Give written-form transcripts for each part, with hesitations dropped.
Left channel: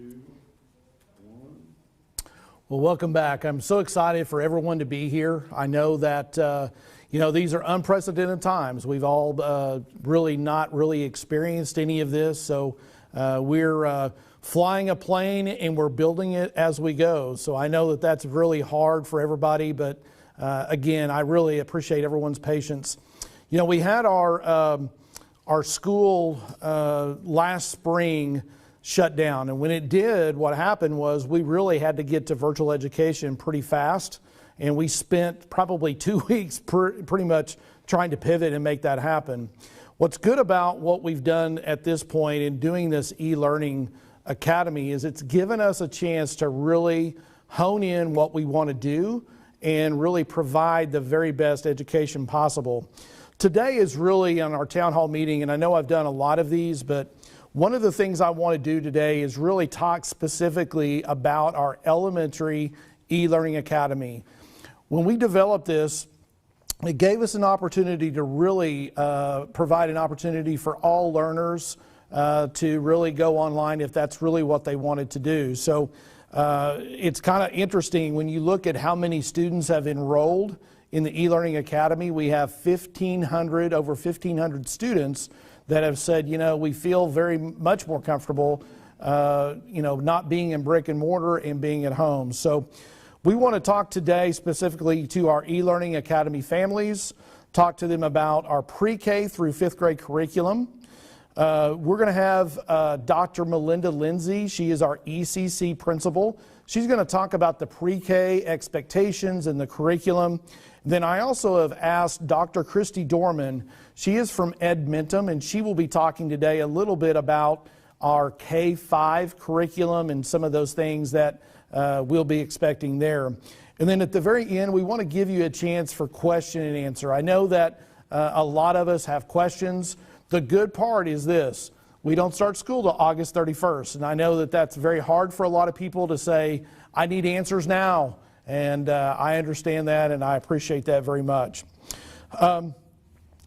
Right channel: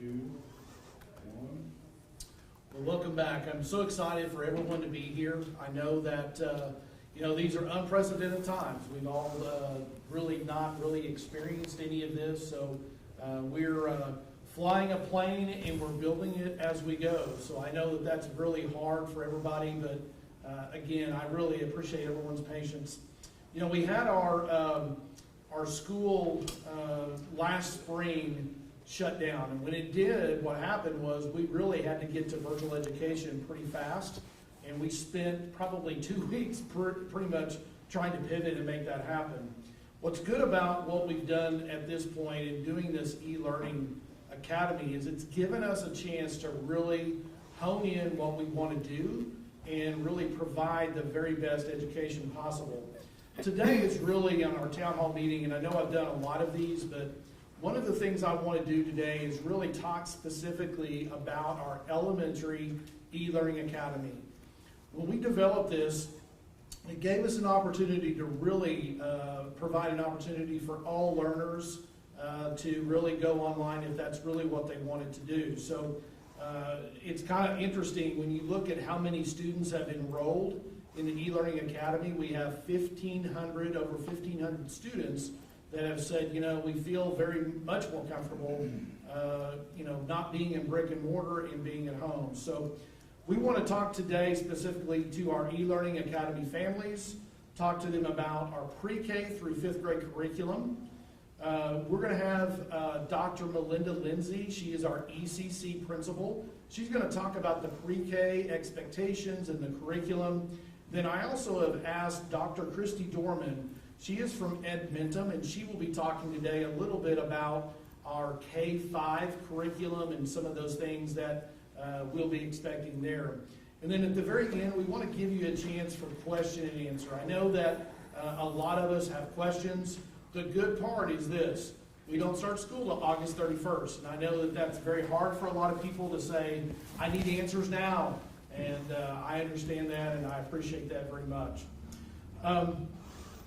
2, 1. Well, welcome back. I'm so excited for everyone to be here. I know that, these are unprecedented times. We've all really not really experienced any of this. So we're flying a plane and we're building it as we go. So I know that that's really hard for everybody, but again, I really appreciate everyone's patience. You know, we had our school last spring shut down, and when it did, what happened was we really had to get to virtual education pretty fast, and we spent probably 2 weeks pretty much trying to pivot and make that happen. What's good about what we've done at this point in doing this e-learning academy is it's given us a chance to really hone in what we want to do and really provide the very best education possible. Today is really on our town hall meeting, and I know I've done a lot of these, but one of the things I want to do today is really talk specifically about our elementary e-learning academy. When we developed this, it gave us an opportunity to really provide an opportunity for all learners to really go online if that's really what they wanted to do. So it's kind of interesting when you look at how many students have enrolled in the e-learning academy. We have over 1,500 students that have said, you know, we feel very much more comfortable, not being in brick and mortar and being at home. So we want to talk today specifically to our e-learning academy families, talk to them about our pre-K through 5th grade curriculum. We're going to have Dr. Melinda Lindsay. She is our ECC principal. She's going to talk about the pre-K expectations and the curriculum. Then I also have asked Dr. Christy Dorman. She is from Edmonton, and she will be talking today a little bit about our K-5 curriculum and some of those things that we'll be expecting there. And then at the very end, we want to give you a chance for question and answer. I know that a lot of us have questions. The good part is this: we don't start school till August 31st, and I know that that's very hard for a lot of people to say, I need answers now, and I understand that, and I appreciate that very much.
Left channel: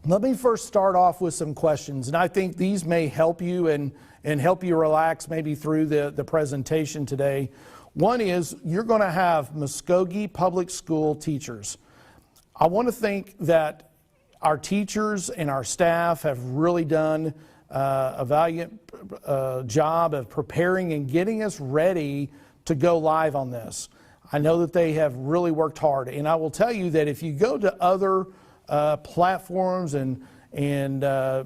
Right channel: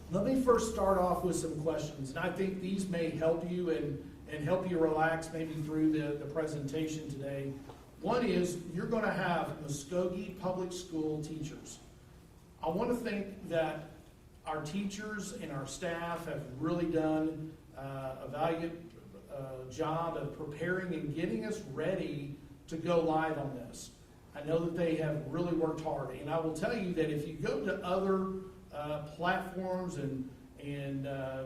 Let me first start off with some questions, and I think these may help you and help you relax maybe through the presentation today. One is, you're going to have Muskogee Public School teachers. I want to think that our teachers and our staff have really done a valiant job of preparing and getting us ready to go live on this. I know that they have really worked hard, and I will tell you that if you go to other platforms and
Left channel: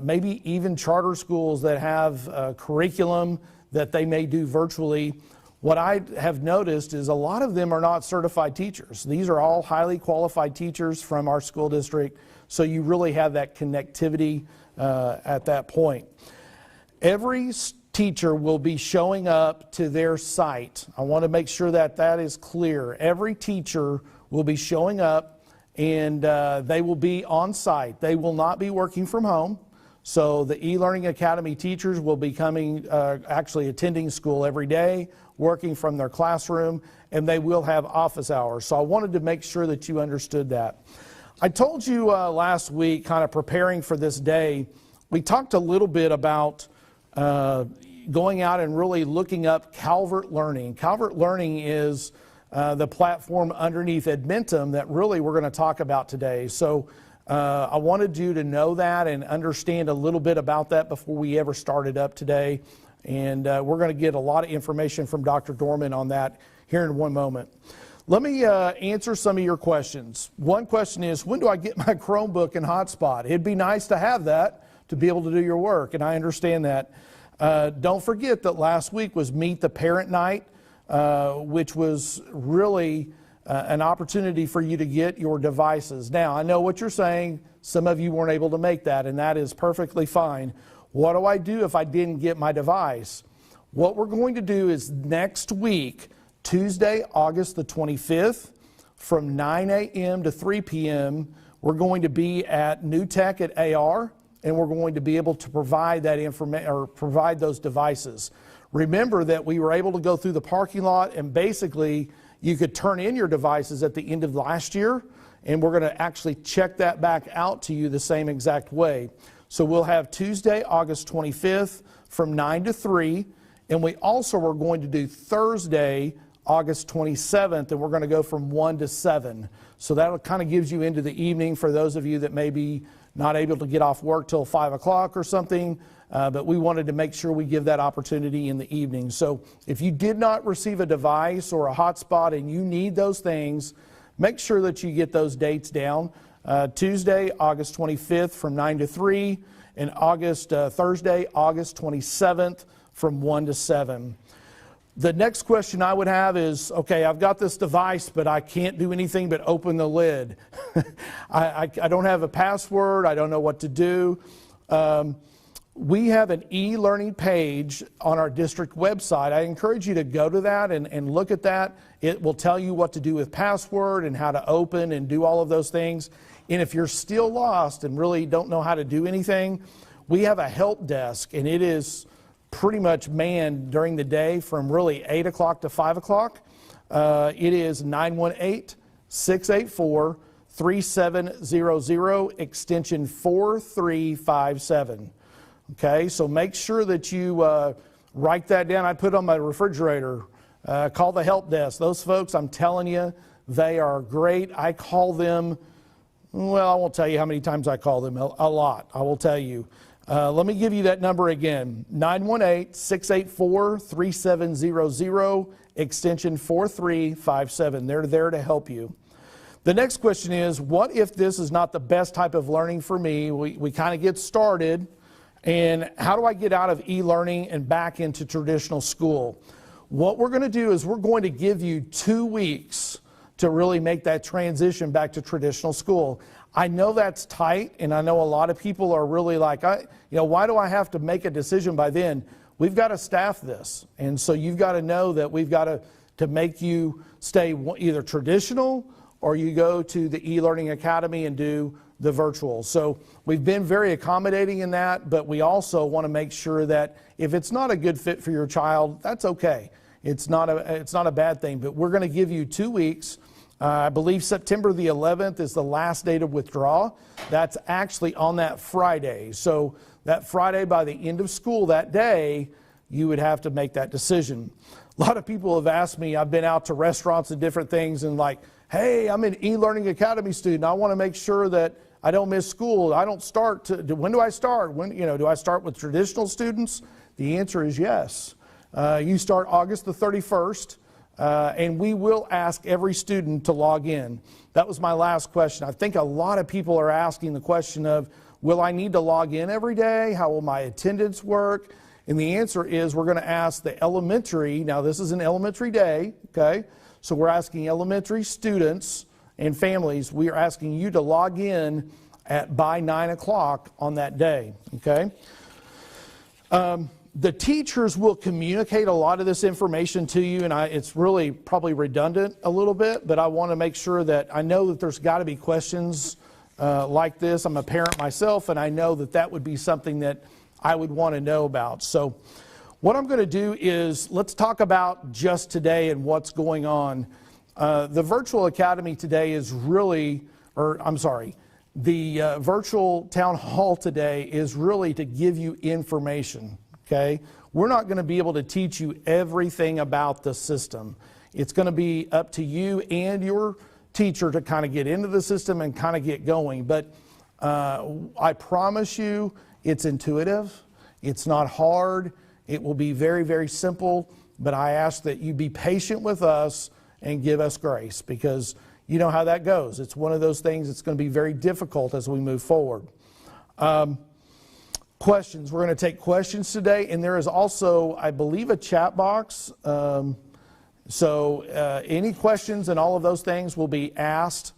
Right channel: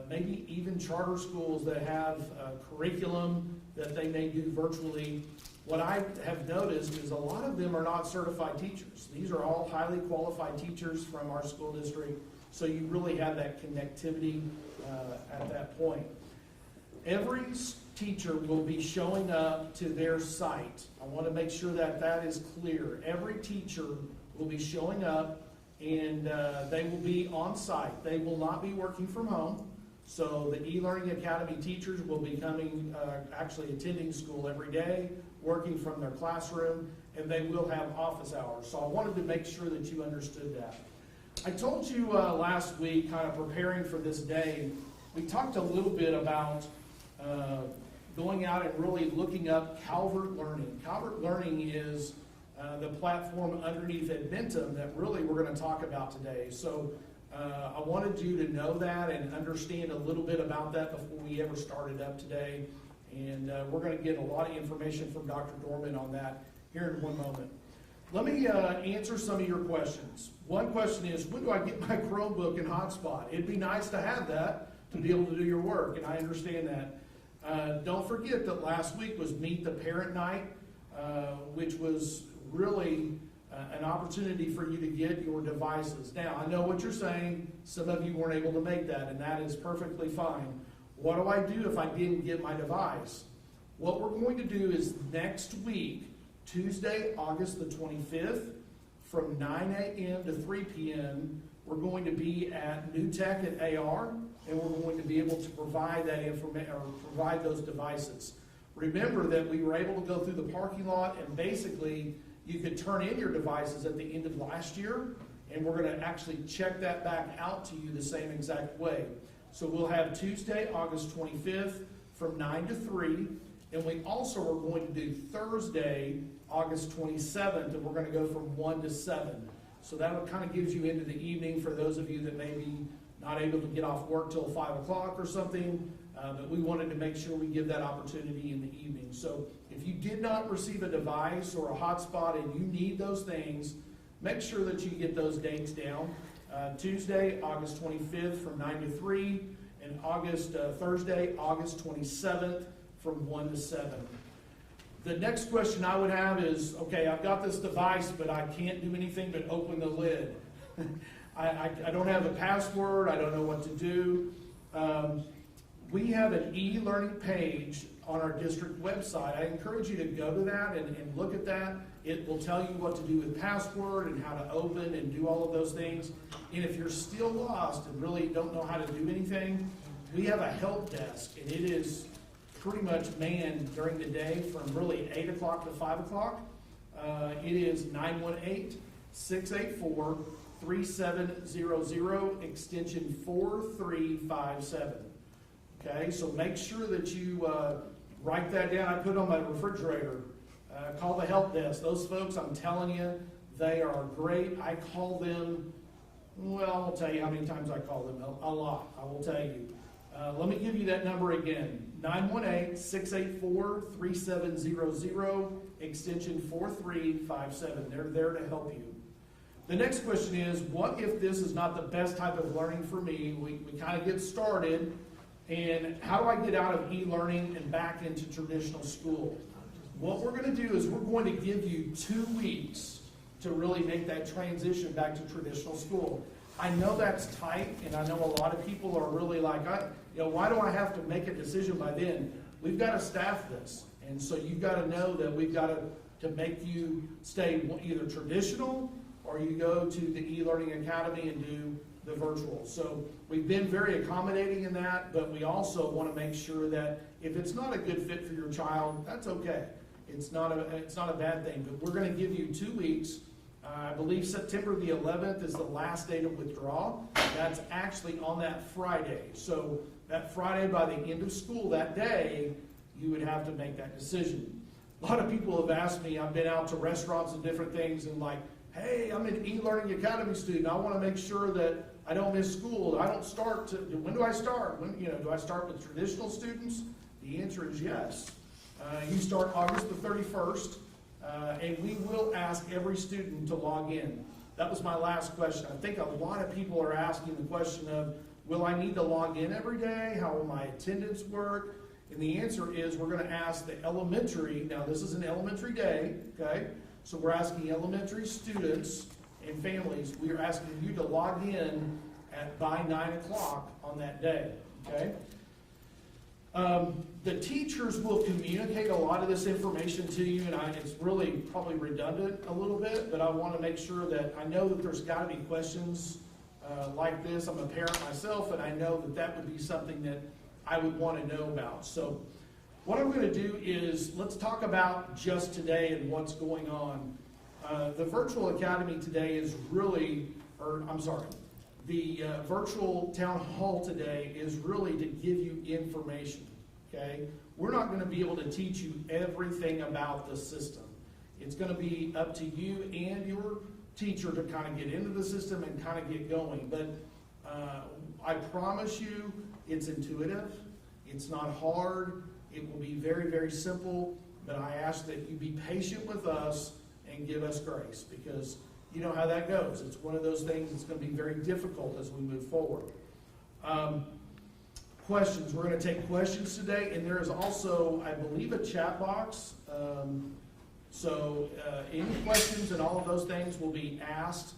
maybe even charter schools that have curriculum that they may do virtually, what I have noticed is a lot of them are not certified teachers. These are all highly qualified teachers from our school district, so you really have that connectivity at that point. Every teacher will be showing up to their site. I want to make sure that that is clear. Every teacher will be showing up, and they will be on site. They will not be working from home. So the e-learning academy teachers will be coming, actually attending school every day, working from their classroom, and they will have office hours. So I wanted to make sure that you understood that. I told you last week, kind of preparing for this day, we talked a little bit about going out and really looking up Calvert Learning. Calvert Learning is the platform underneath Edmentum that really we're going to talk about today. So I wanted you to know that and understand a little bit about that before we ever started up today. And we're going to get a lot of information from Dr. Dorman on that here in one moment. Let me answer some of your questions. One question is, when do I get my Chromebook and hotspot? It'd be nice to have that to be able to do your work, and I understand that. Don't forget that last week was Meet the Parent Night, which was really an opportunity for you to get your devices. Now, I know what you're saying. Some of you weren't able to make that, and that is perfectly fine. What do I do if I didn't get my device? What we're going to do is next week, Tuesday, August the 25th, from 9 a.m. to 3 p.m., we're going to be at New Tech at AR, and we're going to be able to provide that information or provide those devices. Remember that we were able to go through the parking lot, and basically you could turn in your devices at the end of last year, and we're going to actually check that back out to you the same exact way. So we'll have Tuesday, August 25th from 9 to 3, And we also are going to do Thursday, August 27th, and we're going to go from 1 to 7. So that kind of gives you into the evening for those of you that may be not able to get off work till 5 o'clock or something. But we wanted to make sure we give that opportunity in the evening. So if you did not receive a device or a hotspot and you need those things, make sure that you get those dates down. Tuesday, August 25th from 9 to 3, and Thursday, August 27th from 1 to 7. The next question I would have is, okay, I've got this device, but I can't do anything but open the lid. I don't have a password. I don't know what to do. We have an e-learning page on our district website. I encourage you to go to that and look at that. It will tell you what to do with password and how to open and do all of those things. And if you're still lost and really don't know how to do anything, we have a help desk, and it is pretty much manned during the day from really 8 o'clock to 5 o'clock. It is 918-684-3700, extension 4357. Okay, so make sure that you write that down. I put on my refrigerator. Call the help desk. Those folks, I'm telling you, they are great. I call them, well, I won't tell you how many times I call them, a lot, I will tell you. Let me give you that number again, 918-684-3700, extension 4357. They're there to help you. The next question is, what if this is not the best type of learning for me? We kind of get started, and how do I get out of e-learning and back into traditional school? What we're going to do is we're going to give you 2 weeks to really make that transition back to traditional school. I know that's tight, and I know a lot of people are really like, why do I have to make a decision by then? We've got to staff this, and so you've got to know that we've got to make you stay either traditional or you go to the e-learning academy and do the virtual. So we've been very accommodating in that, but we also want to make sure that if it's not a good fit for your child, that's okay. It's not a bad thing, but we're going to give you 2 weeks. I believe September the 11th is the last day to withdraw. That's actually on that Friday. So that Friday, by the end of school that day, you would have to make that decision. A lot of people have asked me, I've been out to restaurants and different things and like, hey, I'm an e-learning academy student. I want to make sure that I don't miss school. I don't start when do I start? Do I start with traditional students? The answer is yes. You start August the 31st, and we will ask every student to log in. That was my last question. I think a lot of people are asking the question of, will I need to log in every day? How will my attendance work? And the answer is we're going to ask the elementary, now this is an elementary day, okay? So we're asking elementary students and families, we are asking you to log in by 9 o'clock on that day, okay? The teachers will communicate a lot of this information to you, and it's really probably redundant a little bit, but I want to make sure that I know that there's got to be questions like this. I'm a parent myself, and I know that that would be something that I would want to know about. So what I'm going to do is let's talk about just today and what's going on. The virtual academy today is really, the virtual town hall today is really to give you information, okay? We're not going to be able to teach you everything about the system. It's going to be up to you and your teacher to kind of get into the system and kind of get going. But I promise you it's intuitive. It's not hard. It will be very, very simple. But I ask that you be patient with us and give us grace, because you know how that goes. It's one of those things that's going to be very difficult as we move forward. Questions. We're going to take questions today, and there is also, I believe, a chat box. So any questions and all of those things will be asked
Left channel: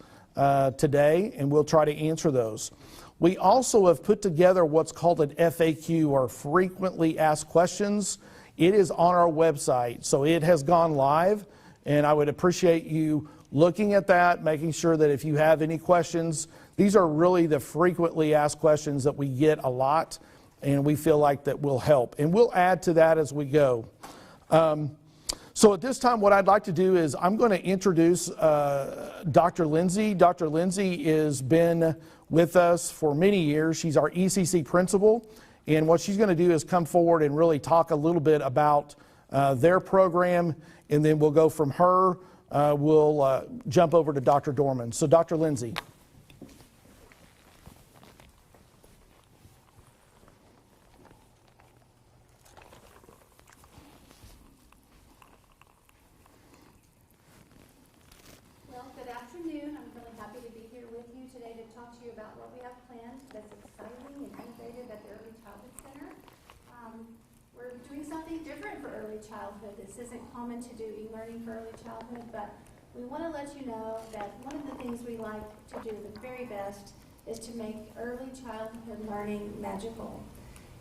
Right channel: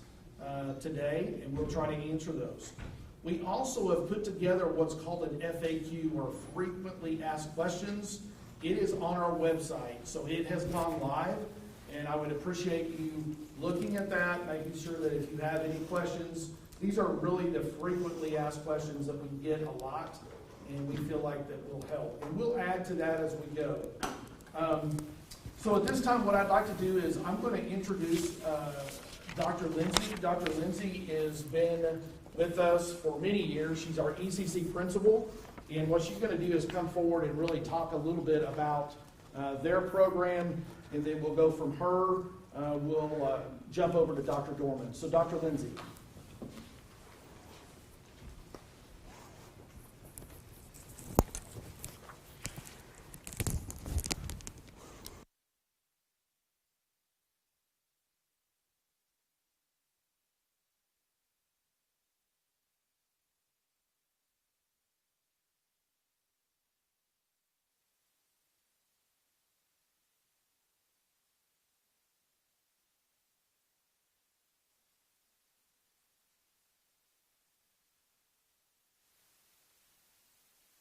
today, and we'll try to answer those. We also have put together what's called an FAQ, or frequently asked questions. It is on our website, so it has gone live. And I would appreciate you looking at that, making sure that if you have any questions, these are really the frequently asked questions that we get a lot, and we feel like that will help. And we'll add to that as we go. So at this time, what I'd like to do is I'm going to introduce Dr. Lindsay. Dr. Lindsay has been with us for many years. She's our ECC principal, And what she's going to do is come forward and really talk a little bit about their program, and then we'll go from her, we'll jump over to Dr. Dorman. So Dr. Lindsay. This isn't common to do e-learning for early childhood, but we want to let you know that one of the things we like to do the very best is to make early childhood learning magical.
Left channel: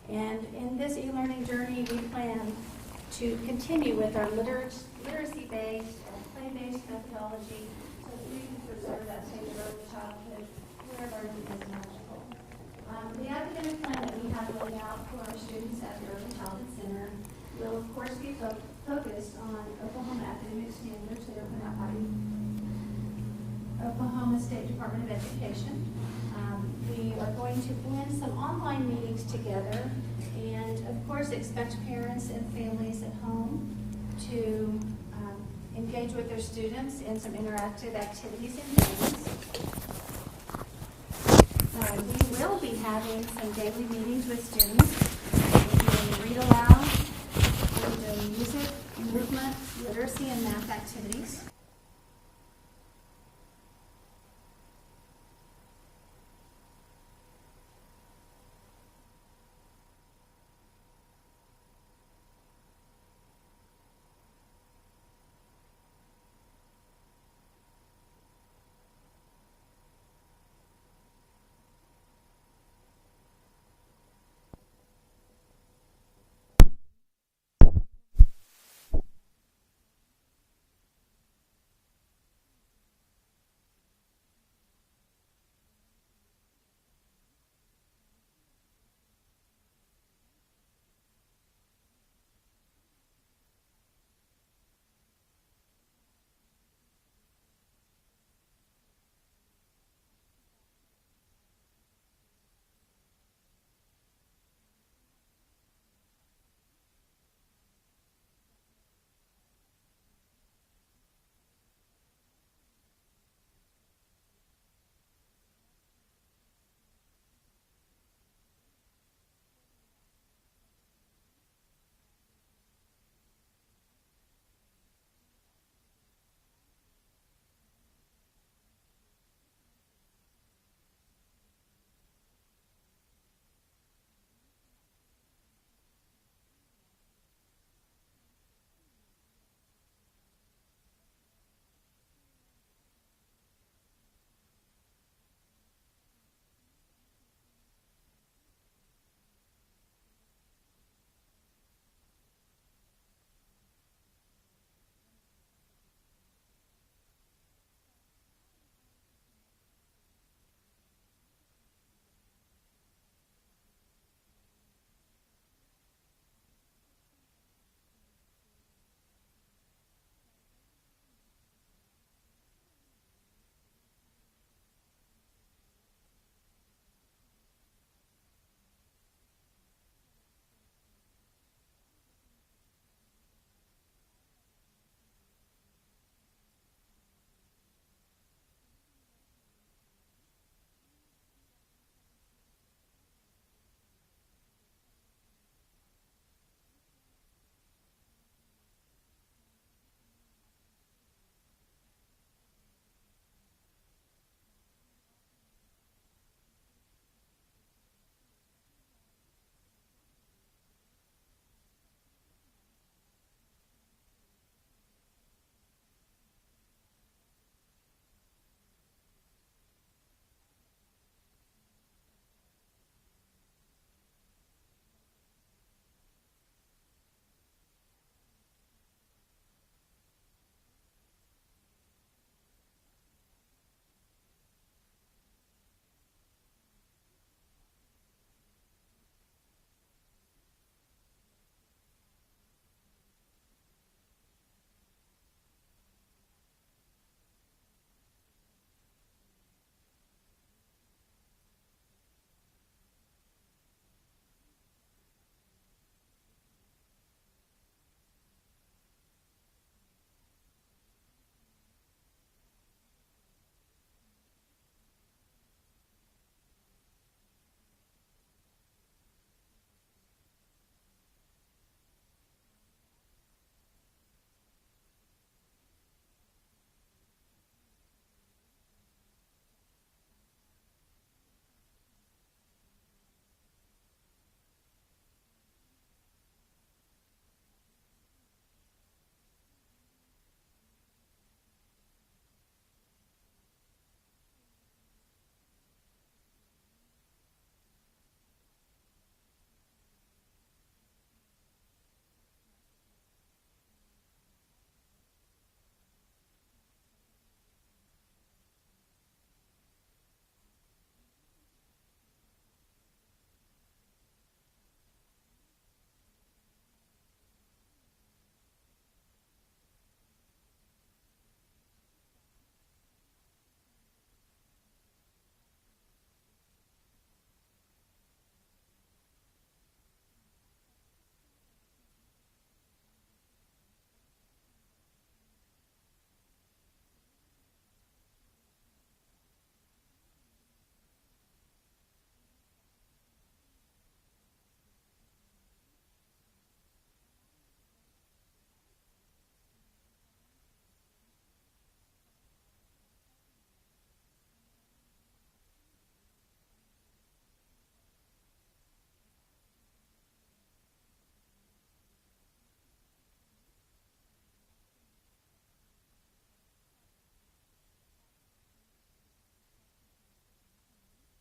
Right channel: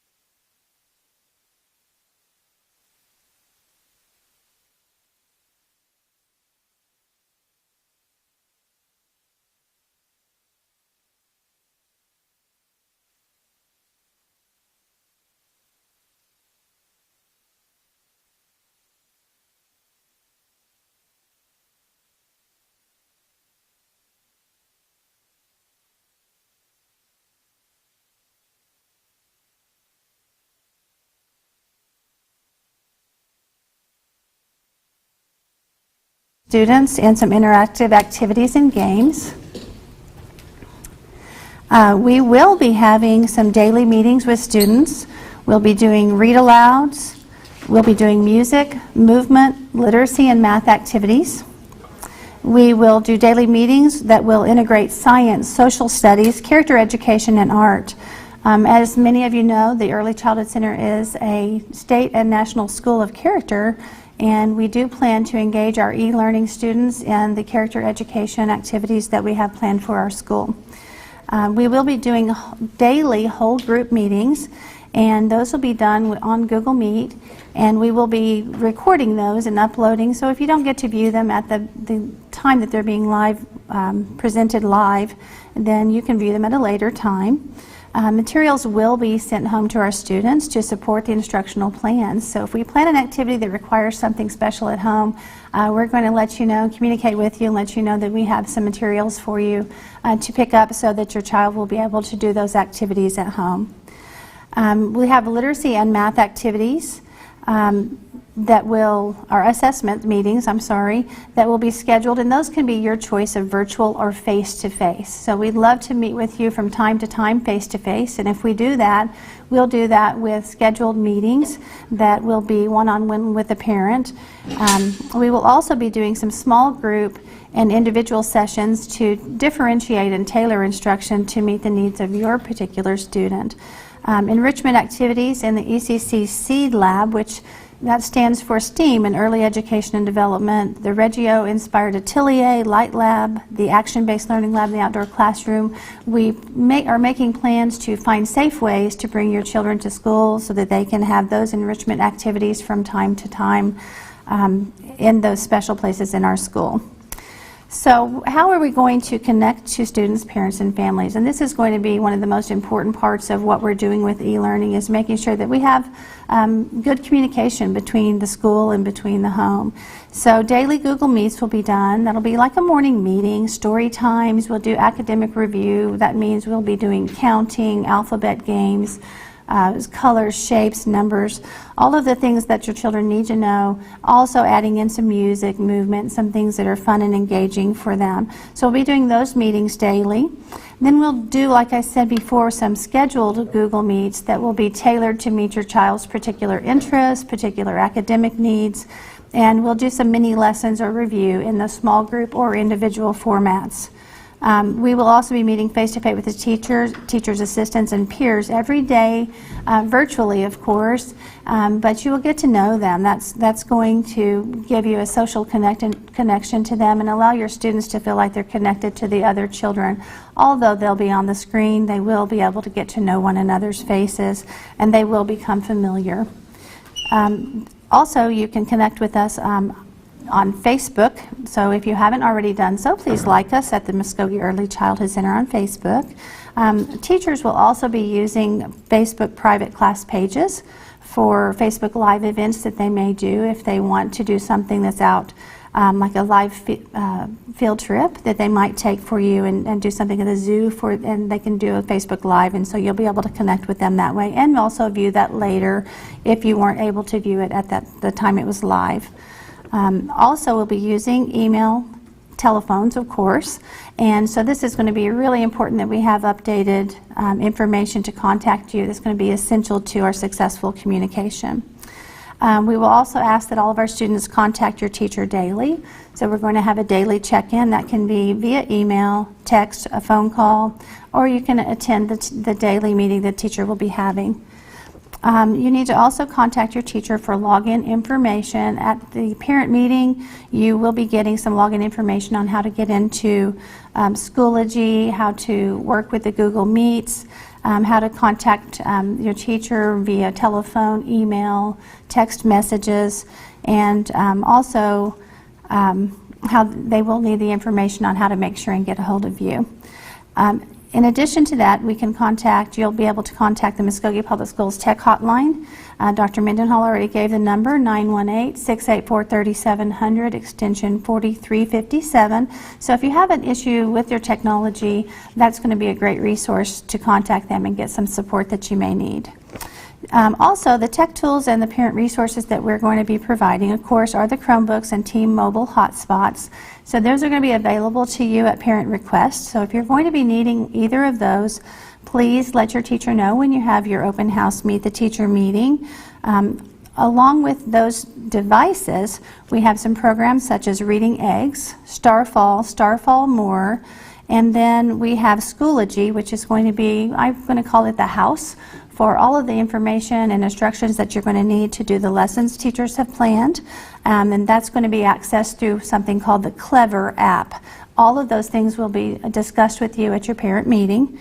And in this e-learning journey, we plan to continue with our literacy-based and play-based methodology so that we can preserve that stage of early childhood where learning is magical. The academic plan that we have laid out for our students at the Early Childhood Center will, of course, be focused on Oklahoma academic standards that are put out by Oklahoma State Department of Education. We are going to blend some online meetings together and, of course, expect parents and families at home to engage with their students in some interactive activities and games. We will be having some daily meetings with students. We'll be doing read-alouds. We'll be doing music, movement, literacy, and math activities. We will do daily meetings that will integrate science, social studies, character education, and art. As many of you know, the Early Childhood Center is a state and national school of character, and we do plan to engage our e-learning students in the character education activities that we have planned for our school. We will be doing daily whole group meetings, and those will be done on Google Meet, and we will be recording those and uploading. So if you don't get to view them at the time that they're being live, presented live, then you can view them at a later time. Materials will be sent home to our students to support the instructional plans. So if we plan an activity that requires something special at home, we're going to let you know, communicate with you, and let you know that we have some materials for you to pick up so that your child will be able to do those activities at home. We have literacy and math activities that will, our assessment meetings, that will be scheduled, and those can be your choice of virtual or face-to-face. So we'd love to meet with you from time to time face-to-face, and if we do that, we'll do that with scheduled meetings that will be one-on-one with a parent. We will also be doing some small group and individual sessions to differentiate and tailor instruction to meet the needs of your particular student. Enrichment activities in the ECC Seed Lab, which that stands for STEAM in Early Education and Development, the Reggio-inspired Atelier, Light Lab, the Action-Based Learning Lab, and the Outdoor Classroom. We are making plans to find safe ways to bring your children to school so that they can have those enrichment activities from time to time in those special places in our school. So how are we going to connect to students, parents, and families? And this is going to be one of the most important parts of what we're doing with e-learning, is making sure that we have good communication between the school and between the home. So daily Google Meets will be done. That'll be like a morning meeting, story times. We'll do academic review. That means we'll be doing counting, alphabet games, colors, shapes, numbers, all of the things that your children need to know, also adding in some music, movement, some things that are fun and engaging for them. So we'll be doing those meetings daily. Then we'll do, like I said before, some scheduled Google Meets that will be tailored to meet your child's particular interests, particular academic needs, and we'll do some mini lessons or review in the small group or individual formats. We will also be meeting face-to-face with the teachers, assistants, and peers every day, virtually, of course, but you will get to know them. That's going to give you a social connection to them and allow your students to feel like they're connected to the other children. Although they'll be on the screen, they will be able to get to know one another's faces, and they will become familiar. Also, you can connect with us on Facebook, so if you haven't already done so, please like us at the Muskogee Early Childhood Center on Facebook. Teachers will also be using Facebook private class pages for Facebook Live events that they may do if they want to do something that's out like a live field trip that they might take for you and do something at the zoo and they can do a Facebook Live, and so you'll be able to connect with them that way and also view that later if you weren't able to view it at the time it was live. Also, we'll be using email, telephones, of course, and so this is going to be really important that we have updated information to contact you. That's going to be essential to our successful communication. We will also ask that all of our students contact your teacher daily. So we're going to have a daily check-in. That can be via email, text, a phone call, or you can attend the daily meeting the teacher will be having. You need to also contact your teacher for login information. At the parent meeting, you will be getting some login information on how to get into Schoology, how to work with the Google Meets, how to contact your teacher via telephone, email, text messages, and also how they will need the information on how to make sure and get a hold of you. In addition to that, you'll be able to contact the Muskogee Public Schools Tech Hotline. Dr. Mendenhall already gave the number, 918-684-3700, extension 4357. So if you have an issue with your technology, that's going to be a great resource to contact them and get some support that you may need. Also, the tech tools and the parent resources that we're going to be providing, of course, are the Chromebooks and Team Mobile hotspots. So those are going to be available to you at parent request. So if you're going to be needing either of those, please let your teacher know when you have your open house Meet the Teacher meeting. Along with those devices, we have some programs such as Reading Eggs, Starfall More, and then we have Schoology, which is going to be, I'm going to call it the house, for all of the information and instructions that you're going to need to do the lessons teachers have planned. And that's going to be accessed through something called the Clever app. All of those things will be discussed with you at your parent meeting.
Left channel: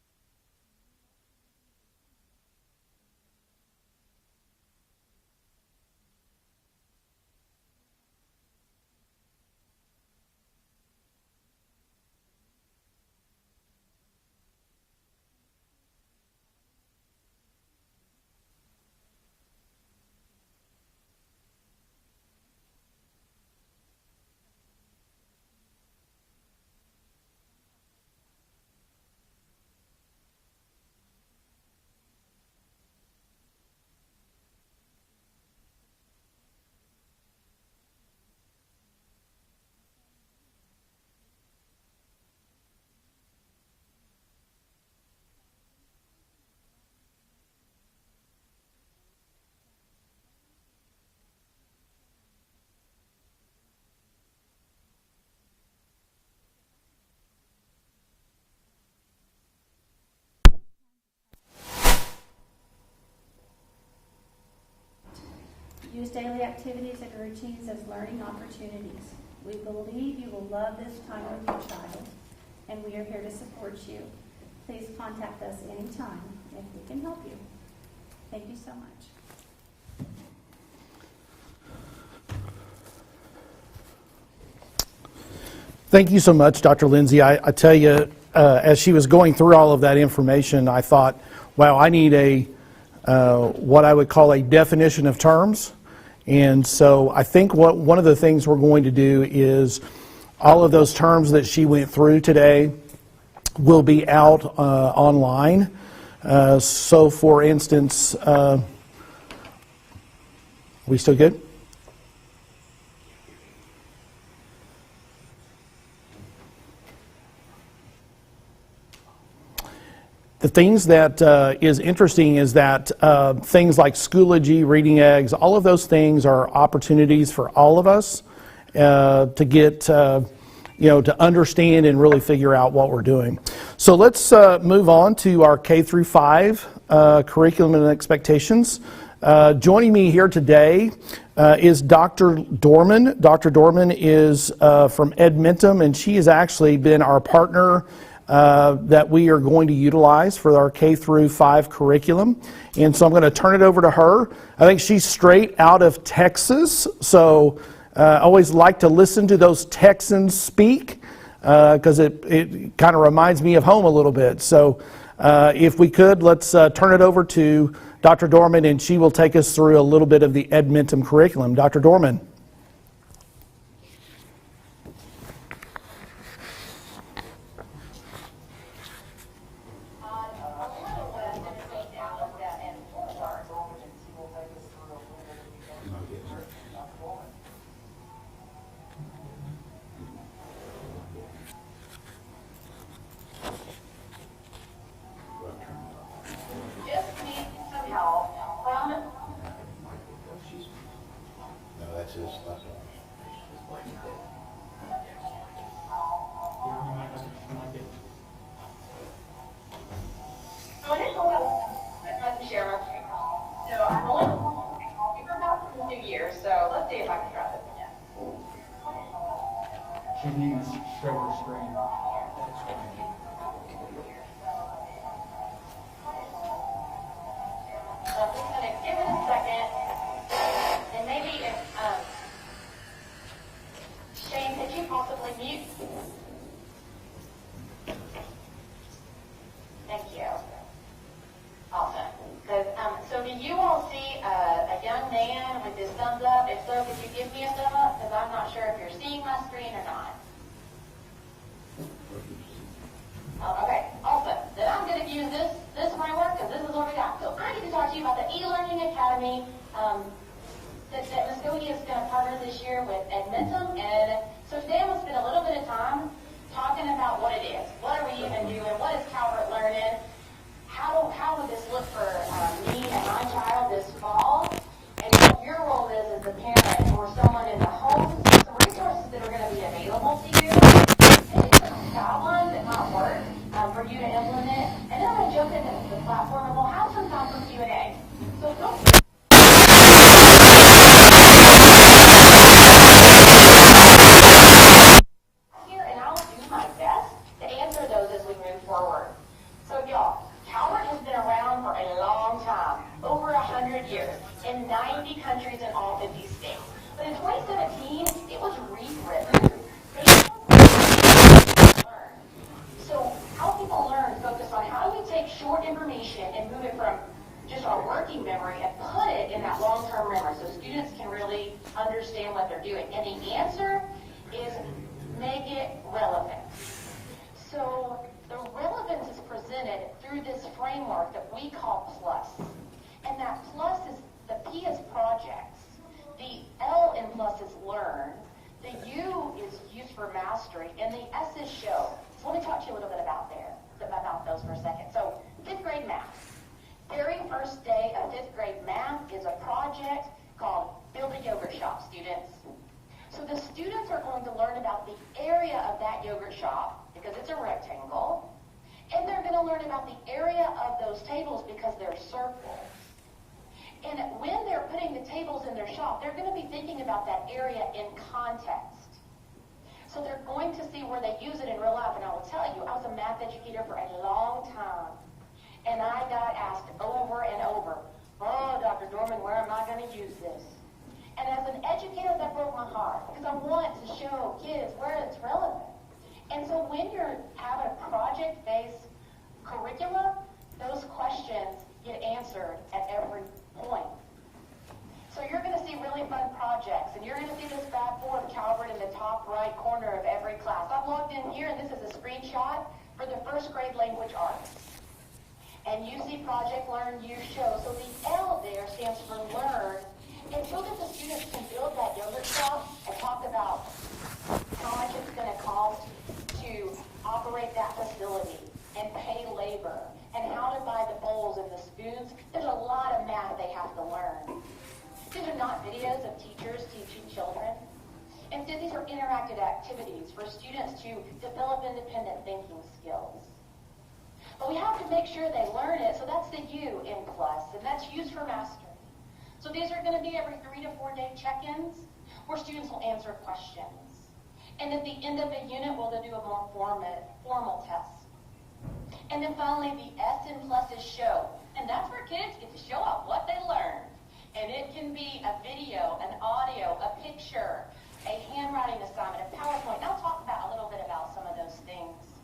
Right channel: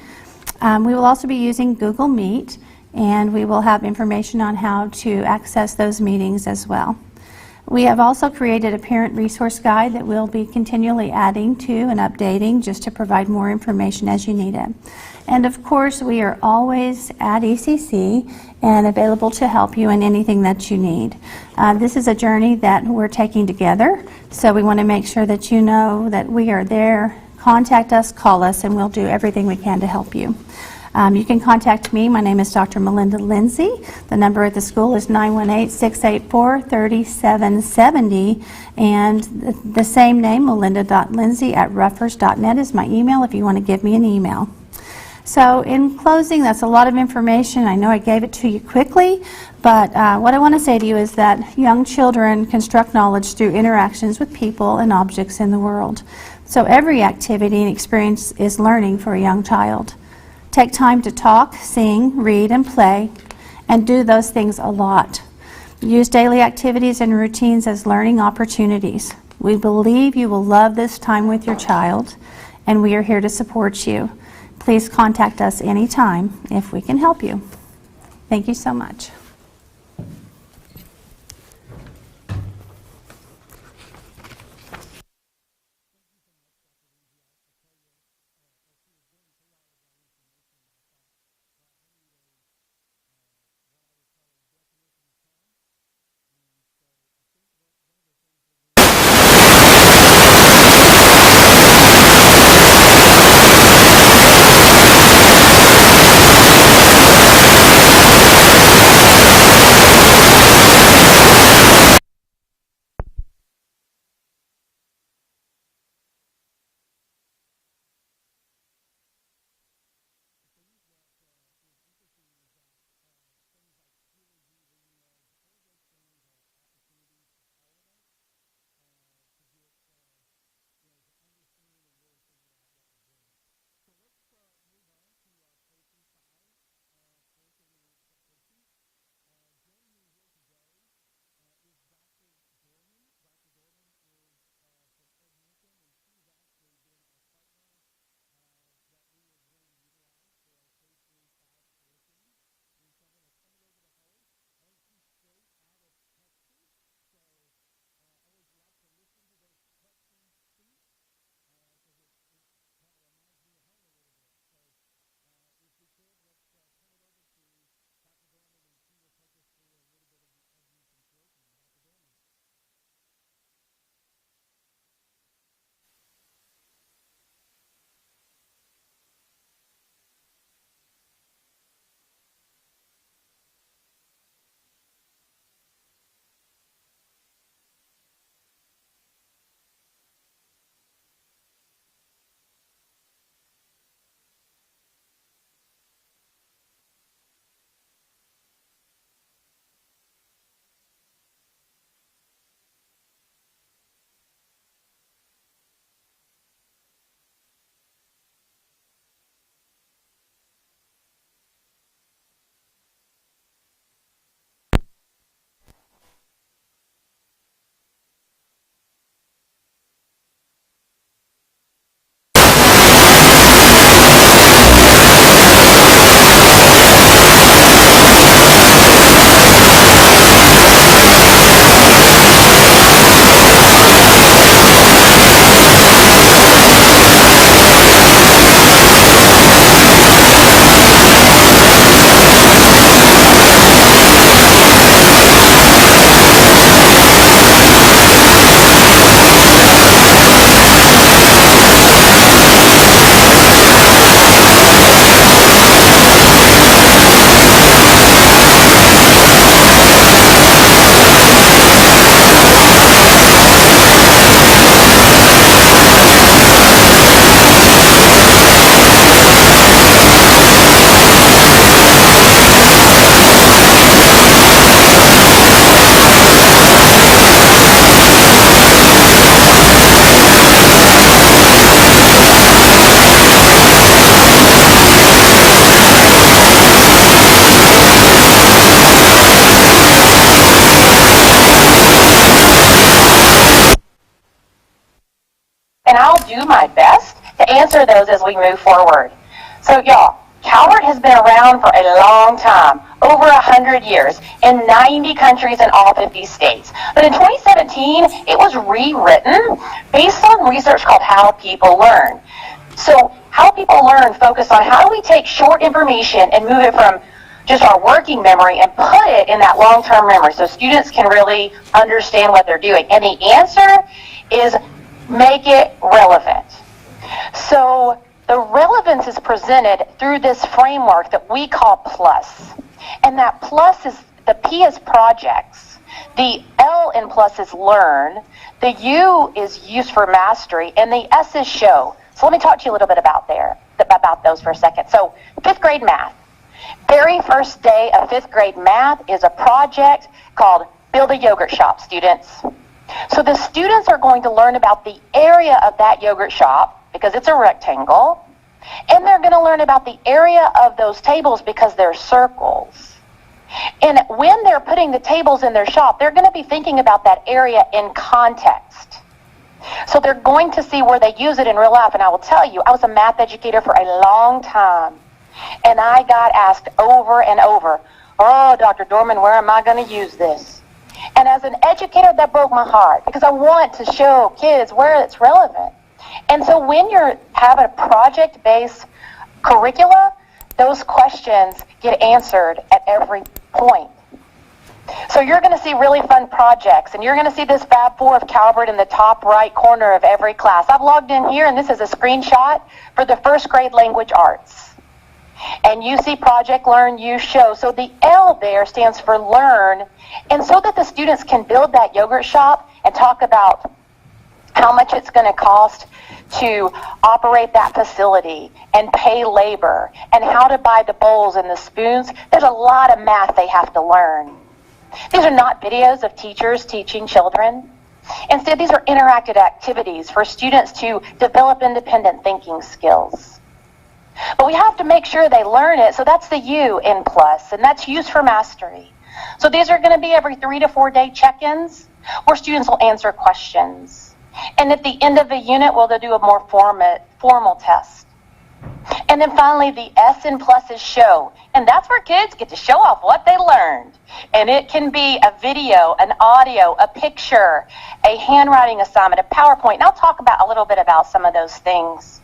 We will also be using Google Meet, and we will have information on how to access those meetings as well. We have also created a parent resource guide that we'll be continually adding to and updating just to provide more information as you need it. And of course, we are always at ECC and available to help you in anything that you need. This is a journey that we're taking together, so we want to make sure that you know that we are there. Contact us, call us, and we'll do everything we can to help you. You can contact me. My name is Dr. Melinda Lindsay. The number at the school is 918-684-3770, and the same name, melinda.lindsay@ruffers.net, is my email if you want to give me an email. So in closing, that's a lot of information. I know I gave it to you quickly, but what I want to say to you is that young children construct knowledge through interactions with people and objects in the world. So every activity and experience is learning for a young child. Take time to talk, sing, read, and play, and do those things a lot. Use daily activities and routines as learning opportunities. We believe you will love this time with your child, and we are here to support you. Please contact us anytime if we can help you. Thank you so much. Thank you so much, Dr. Lindsay. I tell you, as she was going through all of that information, I thought, wow, I need what I would call a definition of terms. And so I think one of the things we're going to The things that is interesting is that things like Schoology, Reading Eggs, all of those things are opportunities for all of us to get, to understand and really figure out what we're doing. So let's move on to our K through 5 curriculum and expectations. Joining me here today is Dr. Dorman. Dr. Dorman is from Edmentum, and she has actually been our partner that we are going to utilize for our K through 5 curriculum. And so I'm going to turn it over to her. I think she's straight out of Texas, so I always like to listen to those Texans speak because it kind of reminds me of home a little bit. So if we could, let's turn it over to Dr. Dorman, and she will take us through a little bit of the Edmentum curriculum. Dr. Dorman. Didn't even show her screen. Answer those as we move forward. So y'all, Calvert has been around for a long time, over 100 years, in 90 countries in all 50 states. But in 2017, it was rewritten based on research called How People Learn. So How People Learn focused on how do we take short information and move it from just our working memory and put it in that long-term memory so students can really understand what they're doing. And the answer is make it relevant. So the relevance is presented through this framework that we call PLUS. And that PLUS is, the P is projects, the L in PLUS is learn, the U is use for mastery, and the S is show. So let me talk to you a little bit about those for a second. So 5th grade math. Very first day of 5th grade math is a project called Build a Yogurt Shop, students. So the students are going to learn about the area of that yogurt shop, because it's a rectangle, and they're going to learn about the area of those tables because they're circles. And when they're putting the tables in their shop, they're going to be thinking about that area in context. So they're going to see where they use it in real life. And I will tell you, I was a math educator for a long time, and I got asked over and over, oh, Dr. Dorman, where am I going to use this? And as an educator, that broke my heart, because I want to show kids where it's relevant. And so when you have a project-based curricula, those questions get answered at every point. So you're going to see really fun projects, and you're going to see this Fab 4 of Calvert in the top right corner of every class. I've logged in here, and this is a screenshot for the 1st grade language arts. And you see project, learn, use, show. So the L there stands for learn, and so that the students can build that yogurt shop and talk about how much it's going to cost to operate that facility and pay labor and how to buy the bowls and the spoons. There's a lot of math they have to learn. These are not videos of teachers teaching children. Instead, these are interactive activities for students to develop independent thinking skills. But we have to make sure they learn it, so that's the U in PLUS, and that's use for mastery. So these are going to be every 3 to 4 day check-ins where students will answer questions. And at the end of the unit, they'll do a more formal test. And then finally, the S in PLUS is show. And that's where kids get to show off what they learned. And it can be a video, an audio, a picture, a handwriting assignment, a PowerPoint. And I'll talk about a little bit about some of those things.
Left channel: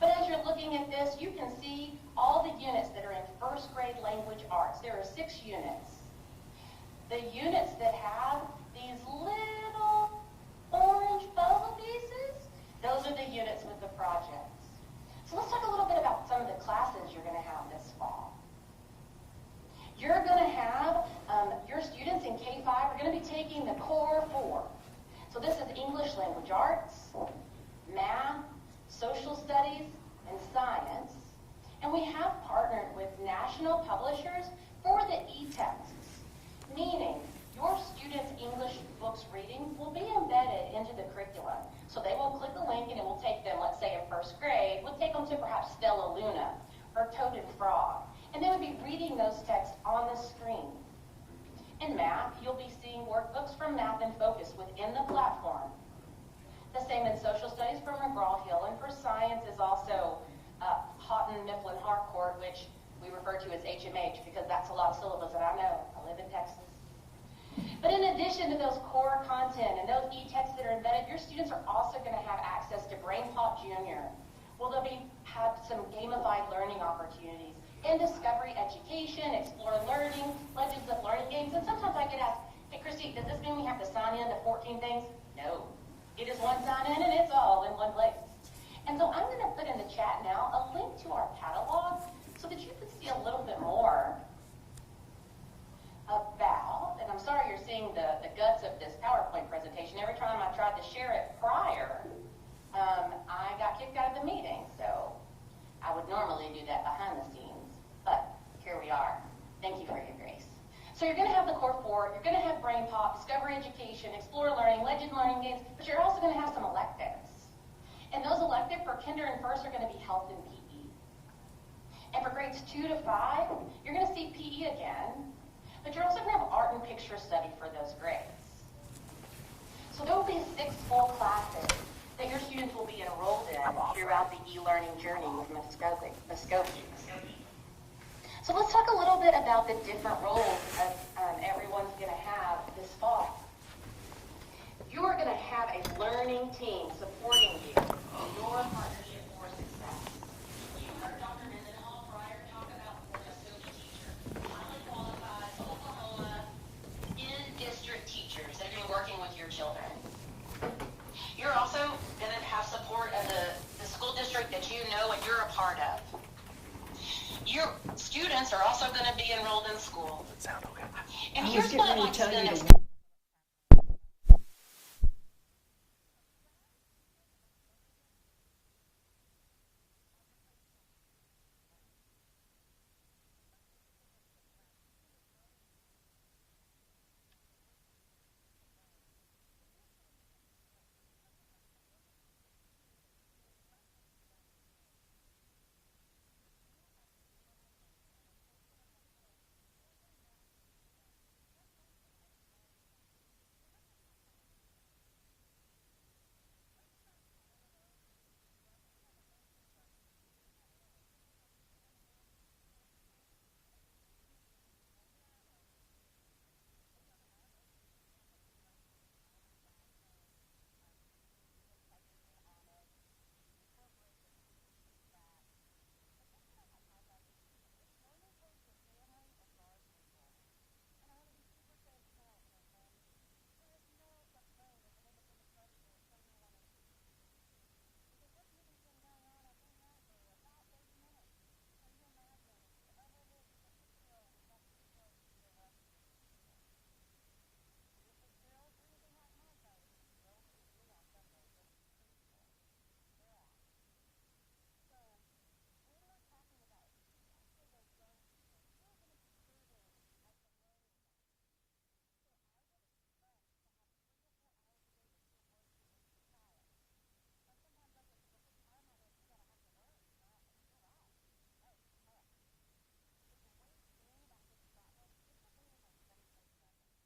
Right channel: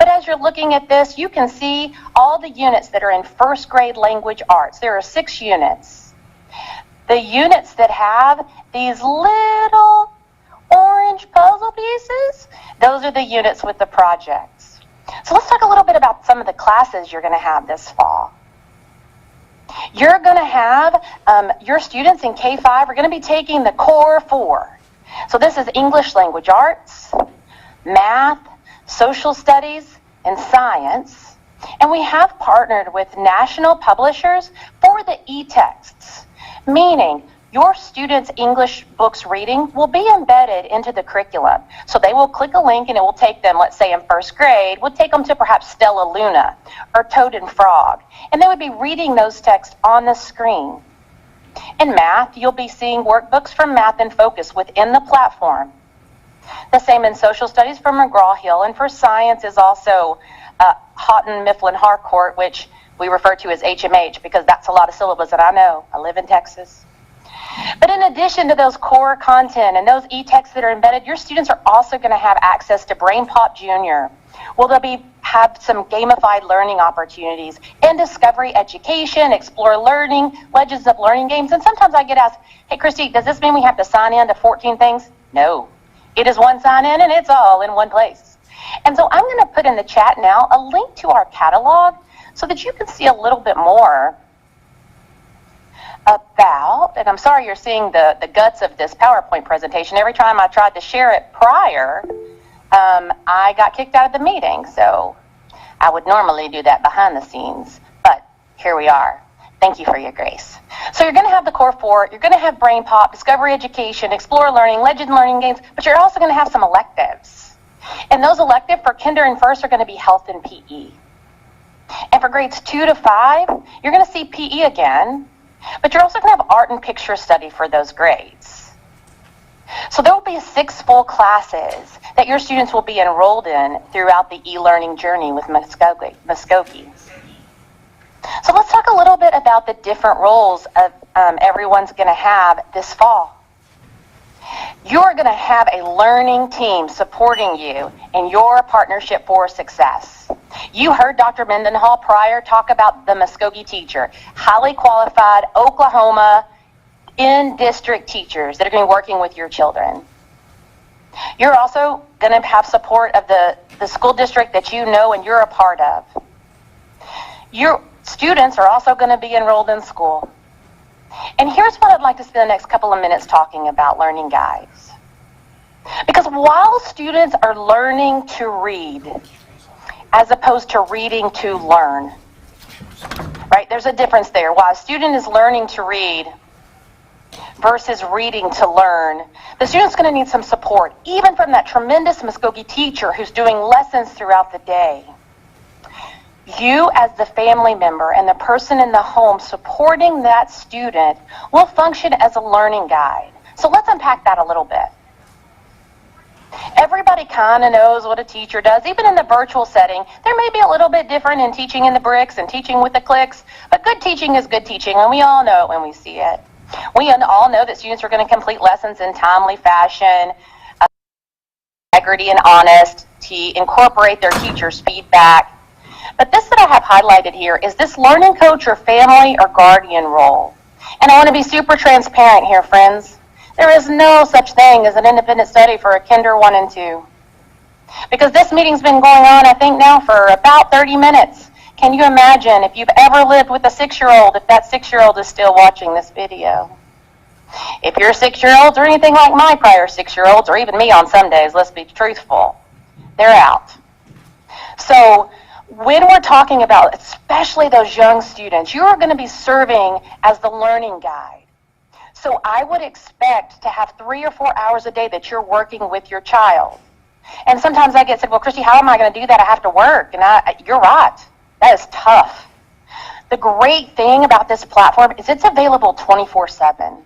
But as you're looking at this, you can see all the units that are in 1st grade language arts. There are 6 units. The units that have these little orange puzzle pieces, those are the units with the projects. So let's talk a little bit about some of the classes you're going to have this fall. You're going to have, your students in K-5 are going to be taking the core 4. So this is English language arts, math, social studies, and science. And we have partnered with national publishers for the e-texts, meaning your students' English books reading will be embedded into the curriculum. So they will click a link and it will take them, let's say in 1st grade, would take them to perhaps Stella Luna or Toad and Frog. And they would be reading those texts on the screen. In math, you'll be seeing workbooks from Math in Focus within the platform. The same in social studies for McGraw-Hill, and for science is also Houghton, Mifflin, Harcourt, which we refer to as HMH because that's a lot of syllables that I know. I live in Texas. But in addition to those core content and those e-texts that are embedded, your students are also going to have access to BrainPop Junior. Well, they'll have some gamified learning opportunities and discovery education, explore learning, legends of learning games. And sometimes I get asked, hey, Christy, does this mean we have to sign in to 14 things? No. It is one sign in and it's all in one place. And so I'm going to put in the chat now a link to our catalog so that you can see a little bit more about, and I'm sorry you're seeing the guts of this PowerPoint presentation. Every time I tried to share it prior, I got kicked out of the meeting. So I would normally do that behind the scenes, but here we are. Thank you for your grace. So you're going to have the core four, you're going to have BrainPop, Discovery Education, Explore Learning, Legend Learning Games, but you're also going to have some electives. And those electives for kinder and first are going to be health and PE. And for grades 2 to 5, you're going to see PE again, but you're also going to have art and picture study for those grades. So there will be 6 full classes that your students will be enrolled in throughout the e-learning journey with Muskogee. So let's talk a little bit about the different roles of everyone's going to have this fall. You're going to have a learning team supporting you in your partnership for success. You heard Dr. Mendenhall prior talk about the Muskogee teacher, highly qualified Oklahoma in-district teachers that are going to be working with your children. You're also going to have support of the school district that you know and you're a part of. Your students are also going to be enrolled in school. And here's what I'd like to spend the next couple of minutes talking about learning guides. Because while students are learning to read, as opposed to reading to learn, right? There's a difference there. While a student is learning to read versus reading to learn, the student's going to need some support, even from that tremendous Muskogee teacher who's doing lessons throughout the day. You, as the family member and the person in the home supporting that student, will function as a learning guide. So let's unpack that a little bit. Everybody kind of knows what a teacher does. Even in the virtual setting, there may be a little bit different in teaching in the bricks and teaching with the clicks, but good teaching is good teaching, and we all know it when we see it. We all know that students are going to complete lessons in timely fashion, integrity and honesty, incorporate their teacher's feedback. But this that I have highlighted here is this learning coach or family or guardian role. And I want to be super transparent here, friends. There is no such thing as an independent study for a kinder 1 and 2. Because this meeting's been going on, I think now for about 30 minutes. Can you imagine if you've ever lived with a 6-year-old, if that 6-year-old is still watching this video? If your 6-year-olds or anything like my prior 6-year-olds, or even me on some days, let's be truthful, they're out. So when we're talking about, especially those young students, you are going to be serving as the learning guide. So I would expect to have 3 or 4 hours a day that you're working with your child. And sometimes I get said, well, Christy, how am I going to do that? I have to work. And you're right. That is tough. The great thing about this platform is it's available 24/7.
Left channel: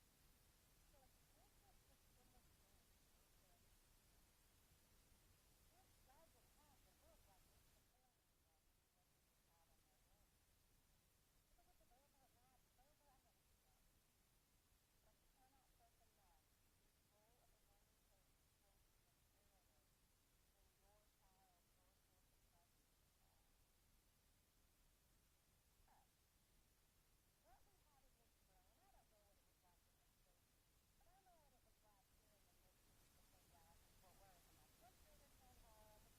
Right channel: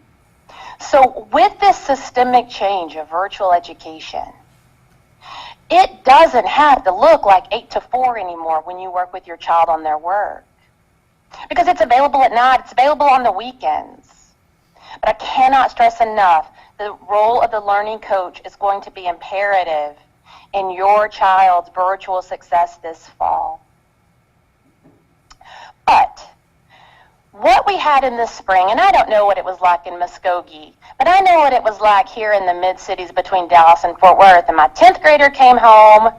So with this systemic change of virtual education, it doesn't have to look like 8 to 4 anymore when you work with your child on their work. Because it's available at night, it's available on the weekends. But I cannot stress enough, the role of the learning coach is going to be imperative in your child's virtual success this fall. But what we had in the spring, and I don't know what it was like in Muskogee, but I know what it was like here in the mid-cities between Dallas and Fort Worth. And my 10th grader came home,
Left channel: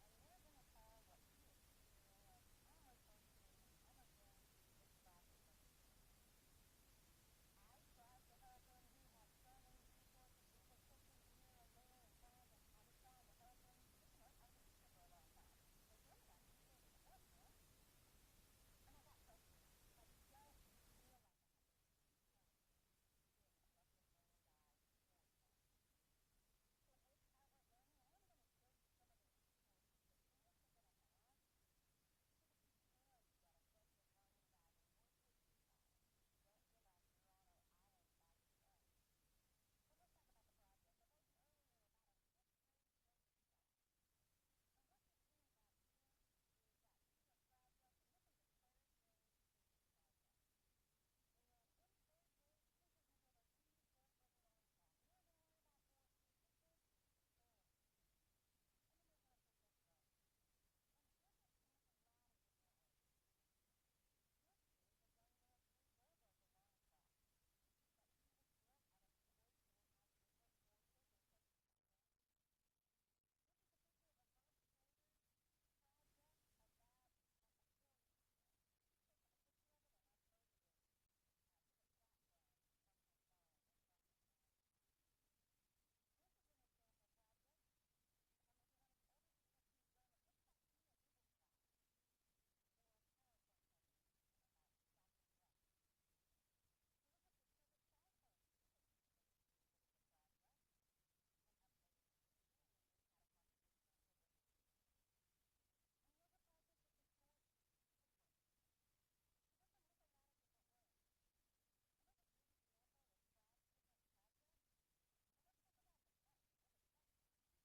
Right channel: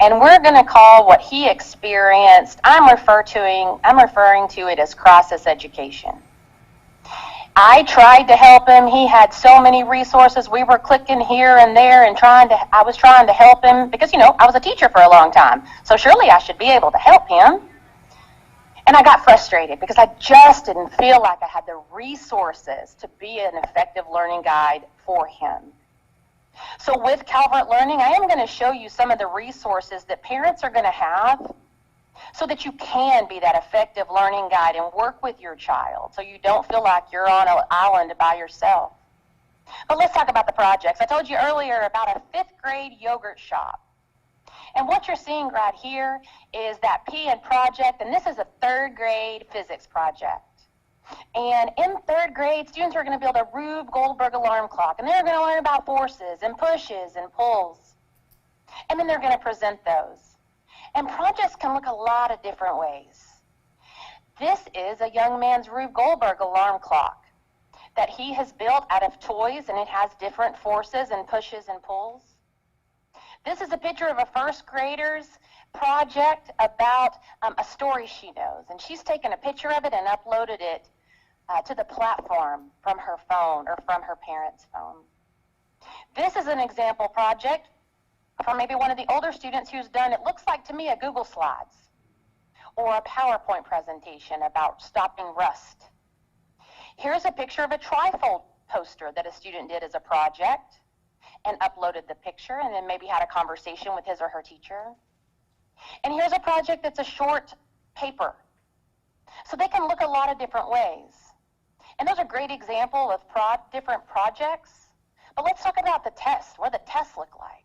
and we're going to call what he experienced, I'm referring to it as crisis education. I tried to help him. He had so many resources. We were clicking here and there and I was trying to help him because, I was a teacher for a long time. So surely I should be able to help him. And I got frustrated because I just didn't feel like I had the resources to be an effective learning guide for him. So with Calvert Learning, I am going to show you some of the resources that parents are going to have so that you can be that effective learning guide and work with your child so you don't feel like you're on an island by yourself. But let's talk about the projects. I told you earlier about a 5th grade yogurt shop. And what you're seeing right here is that P in project, and this is a 3rd grade physics project. And in 3rd grade, students are going to build a Rube Goldberg alarm clock, and they're going to learn about forces and pushes and pulls. And then they're going to present those. And projects can look a lot of different ways. This is a young man's Rube Goldberg alarm clock that he has built out of toys, and it has different forces and pushes and pulls. This is a picture of a 1st grader's project about a story she knows, and she's taken a picture of it and uploaded it to the platform from her phone or from her parents' phone. This is an example project for maybe one of the older students who's done, it looks like to me, a Google Slides or a PowerPoint presentation about stopping rust. Here's a picture of a trifold poster that a student did as a project and uploaded the picture and then maybe had a conversation with his or her teacher. And here's a project that's a short paper. So they can look a lot of different ways. And those are great examples of different projects. But let's talk about the test, what the tests look like.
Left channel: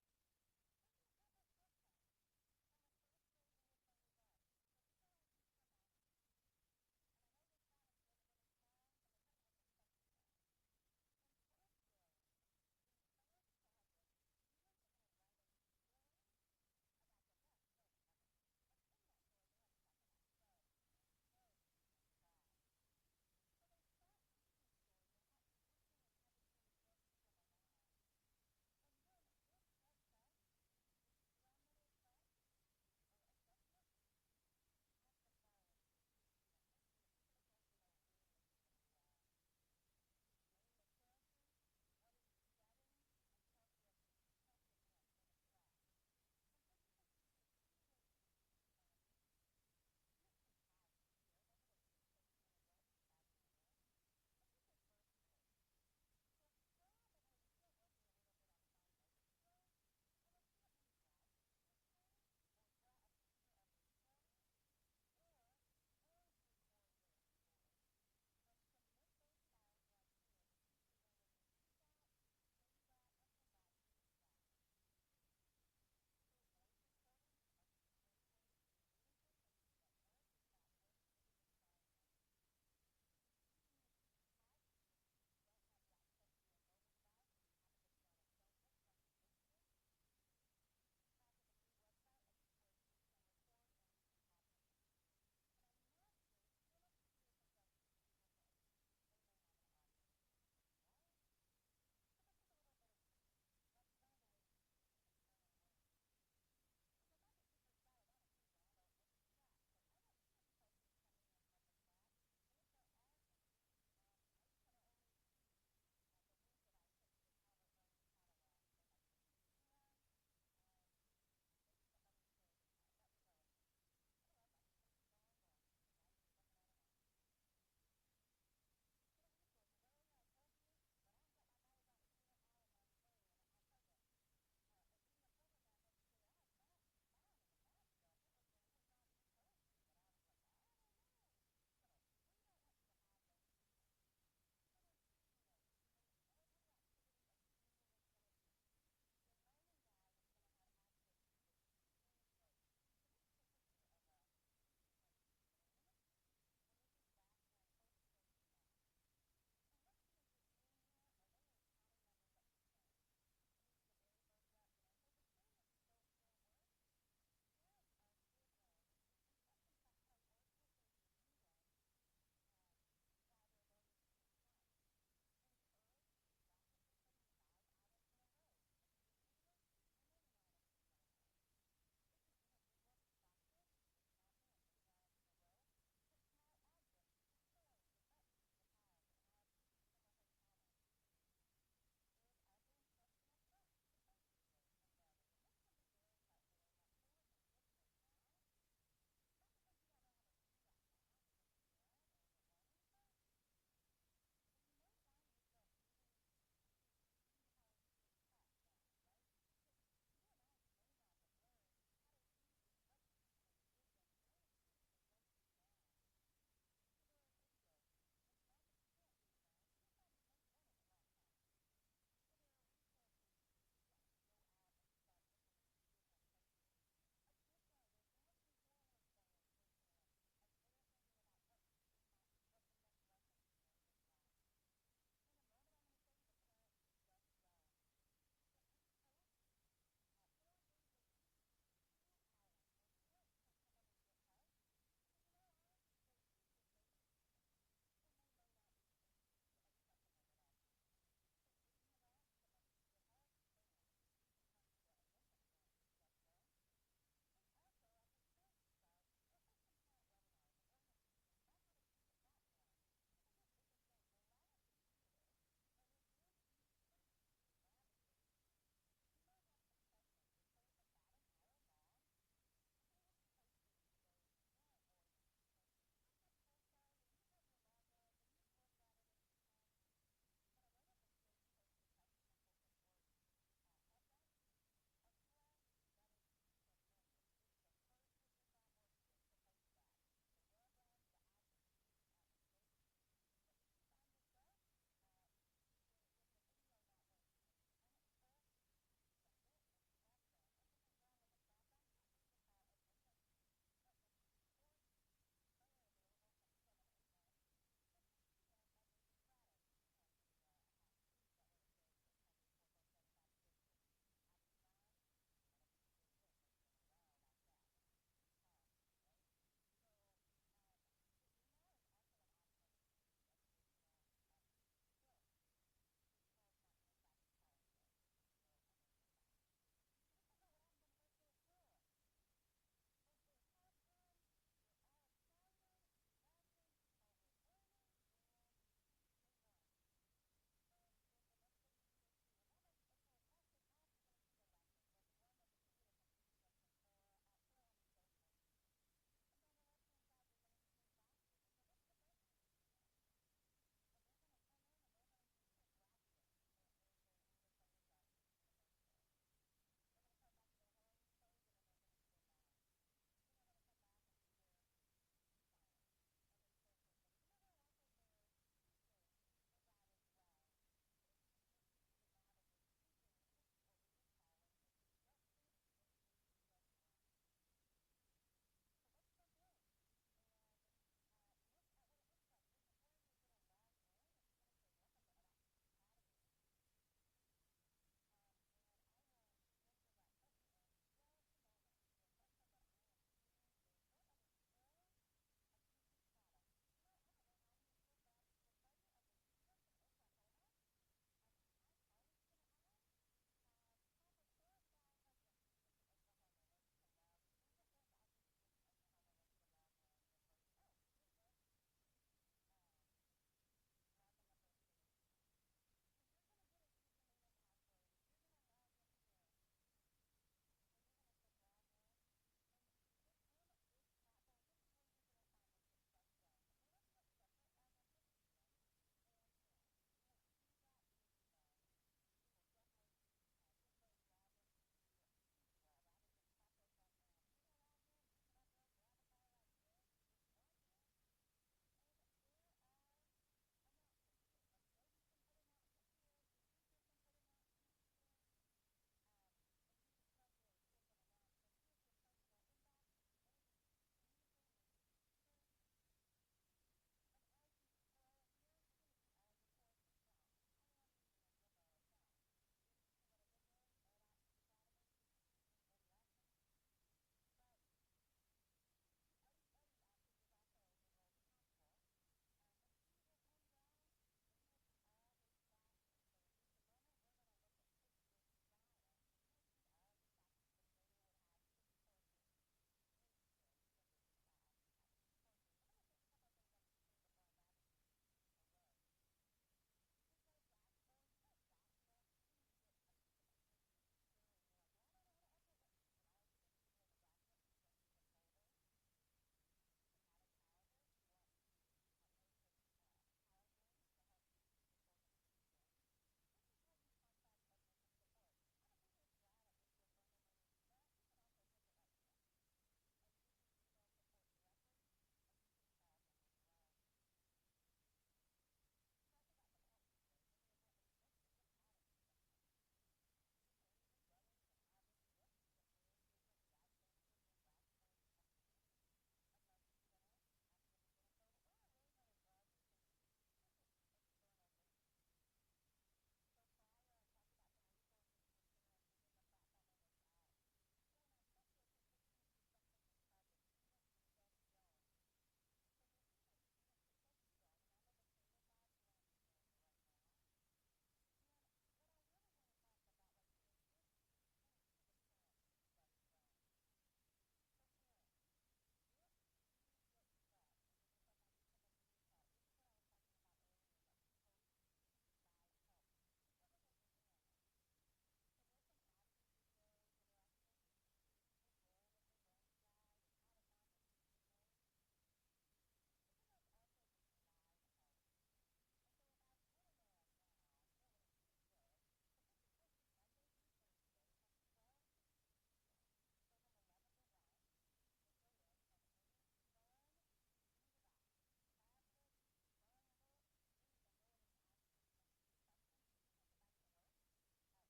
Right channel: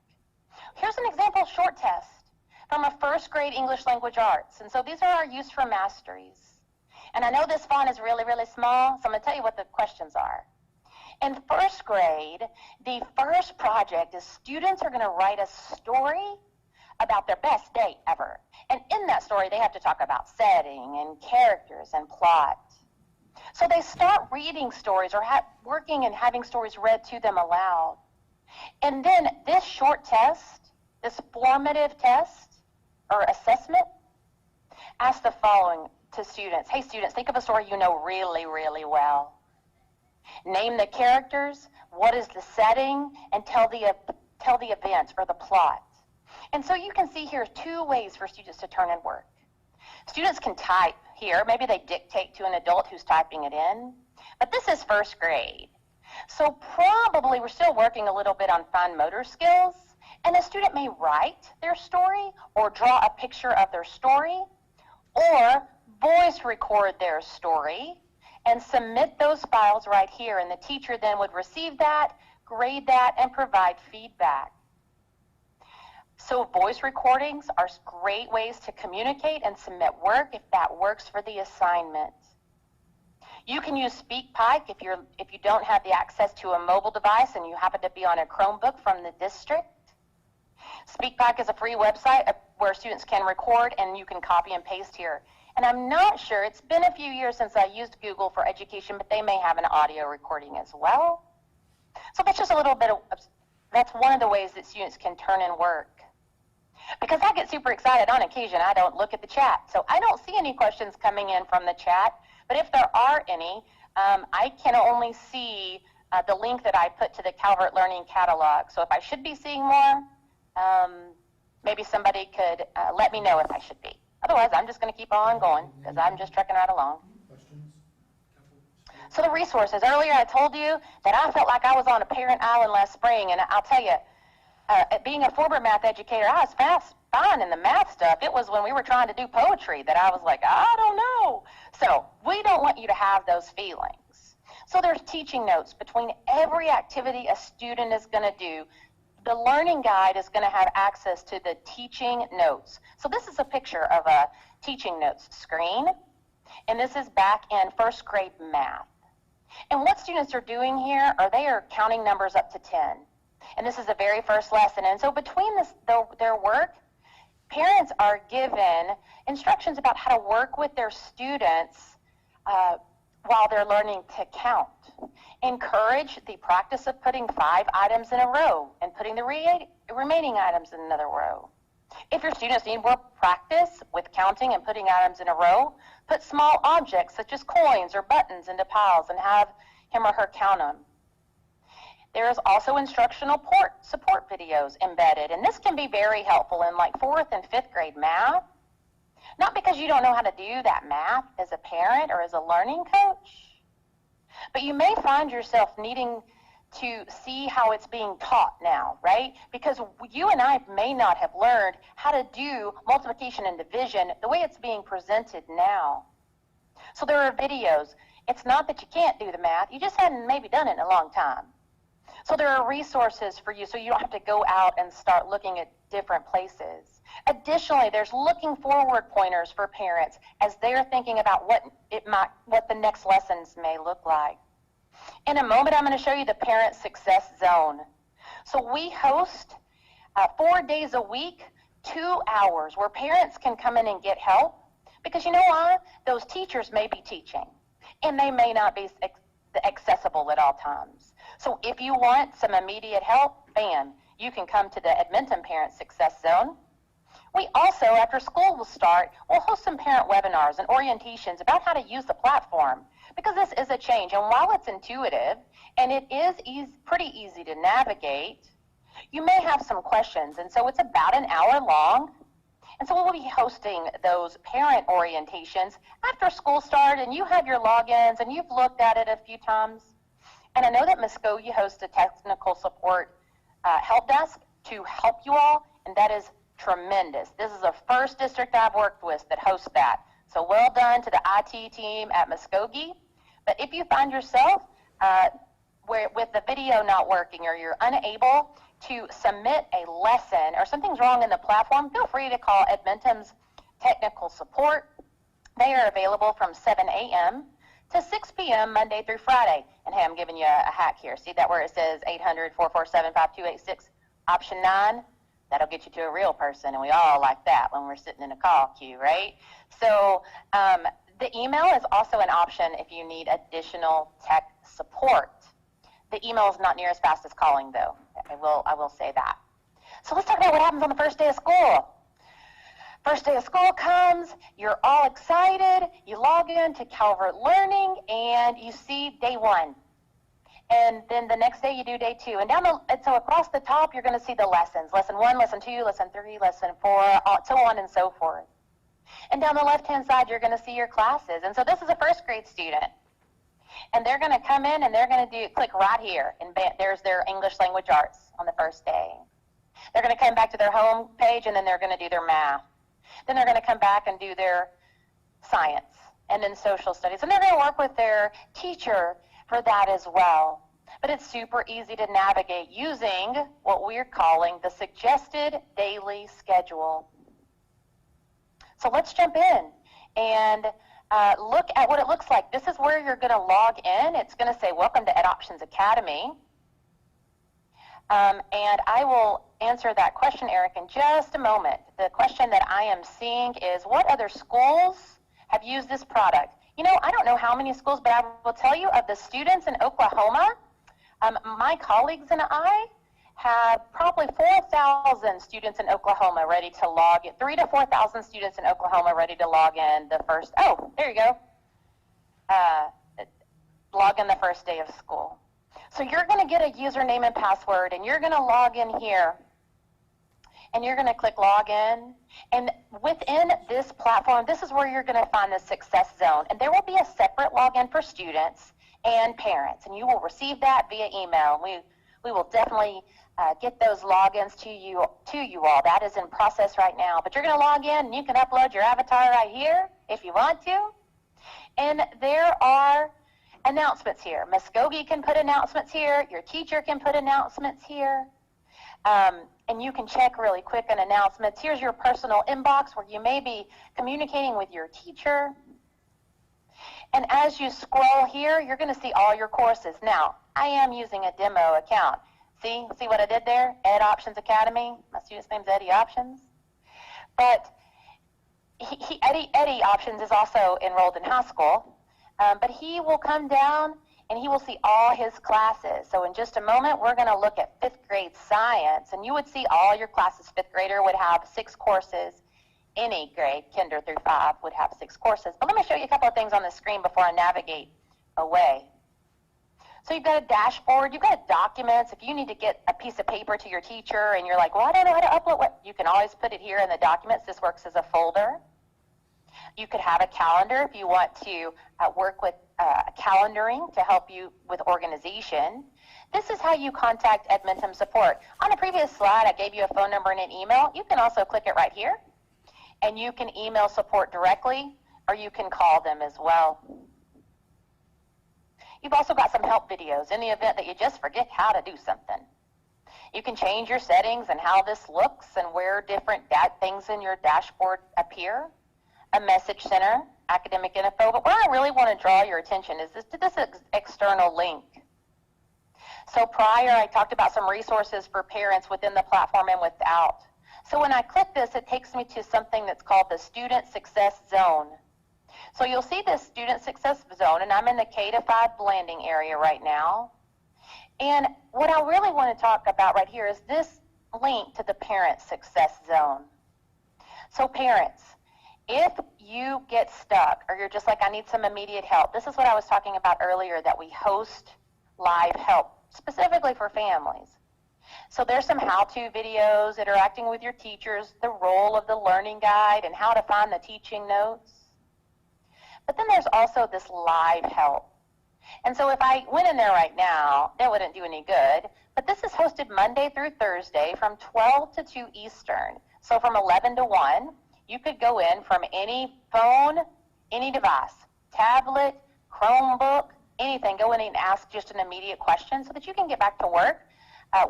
Here's an example short test from a 1st grade English language arts. And so these are our use for masteries. And I know this font is really, really small, so I'm going to tell you what the questions are. In 1st grade, the first project is students are going to write a story about their best day ever. And in that story, they have to talk about setting and characters and plot. So they start reading stories or working and having stories read to them aloud. And then this short test, this formative test or assessment, asks the following to students. Hey, students, think of a story you know really, really well. Name the characters, what is the setting, and tell the event or the plot. And so you can see here 2 ways for students to turn in work. Students can type here. Maybe they dictate to an adult who's typing it in. But this is 1st grade. So probably we're still working a little bit on fine motor skills. And a student may write their story or draw a picture of their story or voice record their story and submit those files right here. And the teacher then would receive that, grade that, and provide feedback. So voice recordings are great ways to communicate and submit work if that works for the assignment. You can use Speakpike if you don't have the access to a mobile device and you happen to be on a Chromebook from the district. Speakpike is a free website where students can record and you can copy and paste here. And I'm not sure, it's been a few years since I used Google for education, but they may have an audio recording as well. So that's just a little bit of, that's one of the ways that students can turn in work. Because I get super excited on occasion, I don't look at the chat. So I don't see any questions coming in from the chat, but if there are any, I can only see the link that I put to the Calvert Learning Catalog. So if I should be seeing more, maybe somebody could let me know if I should be. Otherwise, I'm just going to keep on going because I'm just trucking right along. Questions? So the resources. Earlier I told you that I felt like I was on a parent island last spring, and I'll tell you, being a former math educator, I was fine in the math stuff. It was when we were trying to do poetry that I was like, I don't know. So we don't want you to have those feelings. So there's teaching notes between every activity a student is going to do. The learning guide is going to have access to the teaching notes. So this is a picture of a teaching notes screen, and this is back in 1st grade math. And what students are doing here are they are counting numbers up to 10. And this is the very first lesson. And so between their work, parents are given instructions about how to work with their students while they're learning to count. Encourage the practice of putting 5 items in a row and putting the remaining items in another row. If your students need more practice with counting and putting items in a row, put small objects such as coins or buttons into piles and have him or her count them. There is also instructional support videos embedded, and this can be very helpful in like 4th and 5th grade math. Not because you don't know how to do that math as a parent or as a learning coach, but you may find yourself needing to see how it's being taught now, right? Because you and I may not have learned how to do multiplication and division the way it's being presented now. So there are videos. It's not that you can't do the math, you just hadn't maybe done it in a long time. So there are resources for you so you don't have to go out and start looking at different places. Additionally, there's looking forward pointers for parents as they're thinking about what the next lessons may look like. In a moment, I'm going to show you the Parent Success Zone. So we host 4 days a week, 2 hours where parents can come in and get help, because you know why? Those teachers may be teaching and they may not be accessible at all times. So if you want some immediate help, bam, you can come to the Edmonton Parent Success Zone. We also, after school will start, we'll host some parent webinars and orientations about how to use the platform, because this is a change. And while it's intuitive and it is pretty easy to navigate, you may have some questions. And so it's about an hour long. And so we'll be hosting those parent orientations after school start, and you have your logins and you've looked at it a few times. And I know that Muskogee hosts a technical support help desk to help you all, and that is tremendous. This is the first district I've worked with that hosts that. So well done to the IT team at Muskogee. But if you find yourself with the video not working, or you're unable to submit a lesson, or something's wrong in the platform, feel free to call Edmonton's technical support. They are available from 7 a.m. to 6 p.m. Monday through Friday. And hey, I'm giving you a hack here. See that where it says 800-447-5286, option 9? That'll get you to a real person, and we all like that when we're sitting in a call queue, right? So the email is also an option if you need additional tech support. The email is not near as fast as calling, though. I will say that. So let's talk about what happens on the first day of school. First day of school comes, you're all excited, you log in to Calvert Learning, and you see day 1. And then the next day you do day 2. And so across the top, you're going to see the lessons. Lesson 1, lesson 2, lesson 3, lesson 4, so on and so forth. And down the left-hand side, you're going to see your classes. And so this is a first grade student. And they're going to come in and they're going to click right here. And there's their English language arts on the first day. They're going to come back to their home page, and then they're going to do their math. Then they're going to come back and do their science and then social studies. And they're going to work with their teacher for that as well. But it's super easy to navigate using what we're calling the suggested daily schedule. So let's jump in and look at what it looks like. This is where you're going to log in. It's going to say, welcome to EdOptions Academy. And I will answer that question, Eric, in just a moment. The question that I am seeing is, what other schools have used this product? You know, I don't know how many schools, but I will tell you, of the students in Oklahoma, my colleagues and I have probably 4,000 students in Oklahoma ready to log in, 3,000 to 4,000 students in Oklahoma ready to log in the first, there you go, log in the first day of school. So you're going to get a username and password, and you're going to log in here, and you're going to click log in. And within this platform, this is where you're going to find the success zone. And there will be a separate login for students and parents, and you will receive that via email. We will definitely get those logins to you all. That is in process right now. But you're going to log in, and you can upload your avatar right here if you want to. And there are announcements here. Muskogee can put announcements here. Your teacher can put announcements here. And you can check really quick on announcements. Here's your personal inbox where you may be communicating with your teacher. And as you scroll here, you're going to see all your courses. Now, I am using a demo account. See what I did there? EdOptions Academy. My student's name's Eddie Options. But Eddie Options is also enrolled in high school. But he will come down and he will see all his classes. So in just a moment, we're going to look at 5th grade science. And you would see all your classes. 5th grader would have 6 courses. Any grade, kinder through 5, would have 6 courses. But let me show you a couple of things on the screen before I navigate away. So you've got a dashboard, you've got documents. If you need to get a piece of paper to your teacher and you're like, well, I don't know how to upload what, you can always put it here in the documents. This works as a folder. You could have a calendar if you want to work with calendaring to help you with organization. This is how you contact Edmonton support. On a previous slide, I gave you a phone number and an email. You can also click it right here, and you can email support directly, or you can call them as well. You've also got some help videos in the event that you just forget how to do something. You can change your settings and how this looks and where different things in your dashboard appear. A message center, academic info, but where I really want to draw your attention is to this external link. So prior, I talked about some resources for parents within the platform and without. So when I click this, it takes me to something that's called the Student Success Zone. So you'll see this Student Success Zone, and I'm in the K-5 blending area right now. And what I really want to talk about right here is this link to the Parent Success Zone. So parents, if you get stuck or you're just like, I need some immediate help, this is what I was talking about earlier, that we host live help specifically for families. So there's some how-to videos, interacting with your teachers, the role of the learning guide, and how to find the teaching notes. But then there's also this live help. And so if I went in there right now, it wouldn't do any good. But this is hosted Monday through Thursday from 12 to 2 Eastern. So from 11 to 1, you could go in from any phone, any device, tablet, Chromebook, anything. Go in and ask just an immediate question so that you can get back to work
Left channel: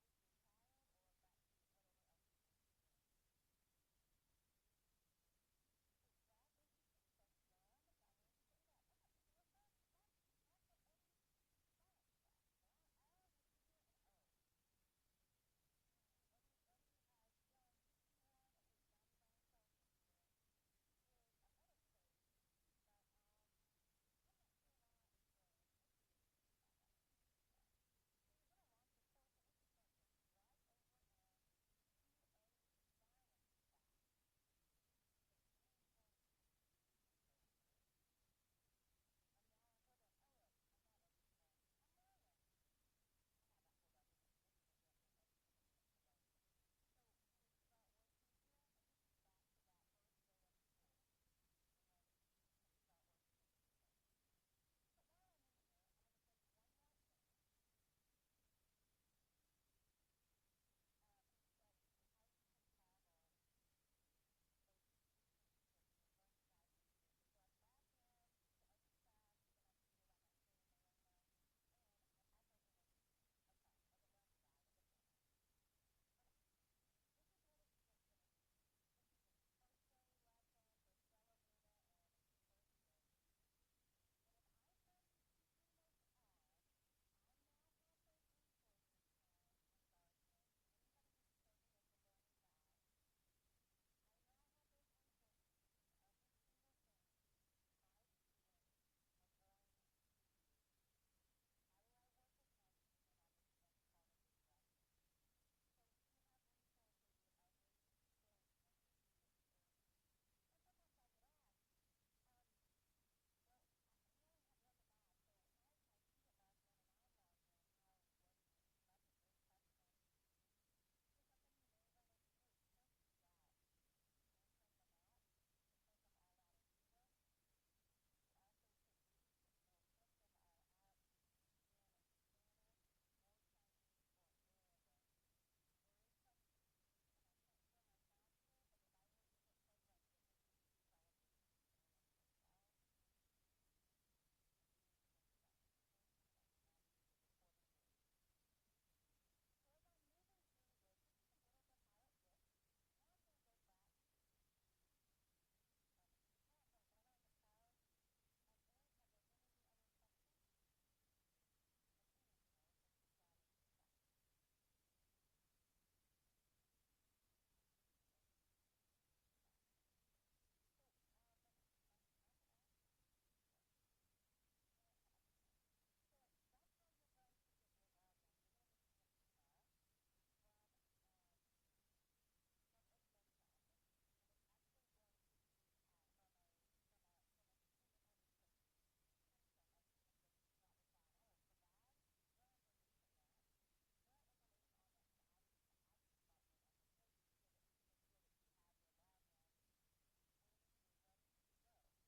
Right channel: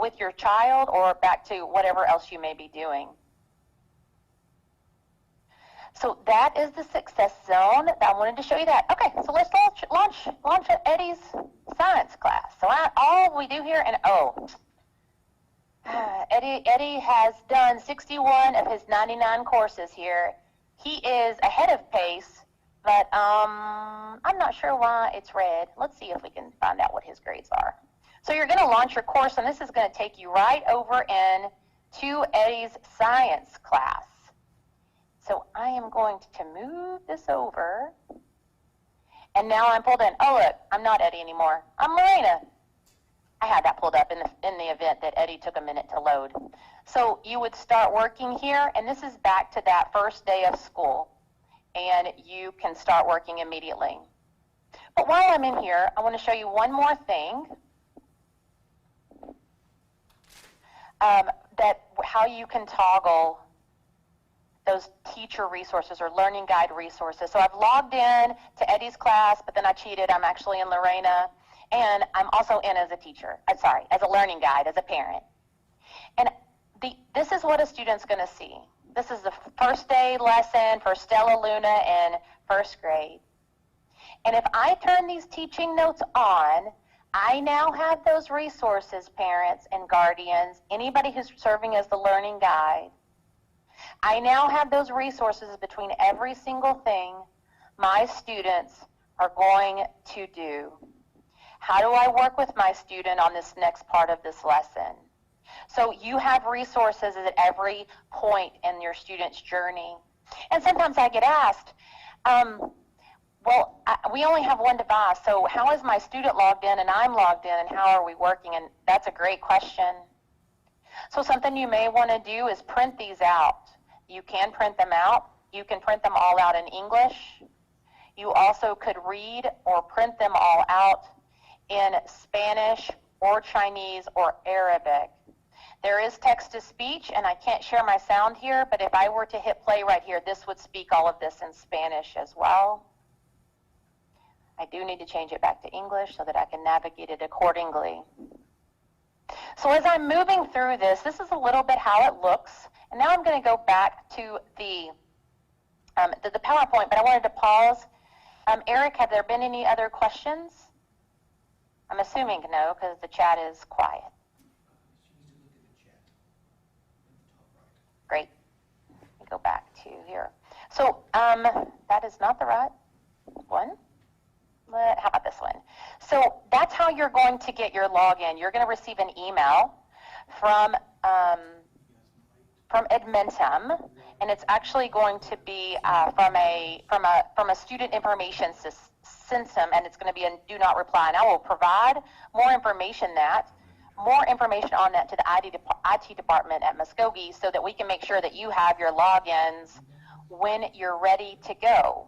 with your child or back to whatever else you may be doing. So that is the Success Zone. I wanted to show you that. Okay, so let's launch Eddie's science class. So all we do here, and Eddie has done 61 of his 99 courses here. He is ahead of pace, but I'm not sure why it's red. Let's see if we can find out what his grades are. So you're going to launch your course, and this is going to take you right over in to Eddie's science class. So I am going to move this over, and now I'm pulled in. Oh, look, I'm not Eddie anymore. I'm Lorena. I had that pulled up in the event that Eddie took a minute to load. So you would start working here, and this is back to that first day of school, and you can start working immediately. But while I'm in here, I want to show you one more thing, that how you can toggle those teacher resources or learning guide resources. So I've logged in to Eddie's class, but then I cheated. I'm actually in Lorena, and I'm also in as a teacher. As a learning guide, as a parent. And this is what a student's going to see. This is the first day lesson for Stella Luna in first grade. And if I turn these teaching notes on, I now have those resources, parents and guardians, anybody who's serving as the learning guide. I now have those resources between every single thing my students are going to do. How do I work with my student on this next part of this lesson? So you have resources at every point in your student's journey. And sometimes I get asked, we only have one device, so how is my student logged in and I'm logged in, and how are we working? And that's a great question. So something you may want to do is print these out. You can print them out. You can print them all out in English. You also could read or print them all out in Spanish or Chinese or Arabic. There is text-to-speech, and I can't share my sound here, but if I were to hit play right here, this would speak all of this in Spanish as well. I do need to change it back to English so that I can navigate it accordingly. So as I'm moving through this is a little bit how it looks. And now I'm going to go back to the PowerPoint, but I wanted to pause. Eric, have there been any other questions? I'm assuming no, because the chat is quiet. Great. Let me go back to here. So that is not the right one. How about this one? So that's how you're going to get your login. You're going to receive an email from Edmentum, and it's actually going to be from a student information system, and it's going to be a do not reply. And I will provide more information on that to the IT department at Muskogee so that we can make sure that you have your logins when you're ready to go.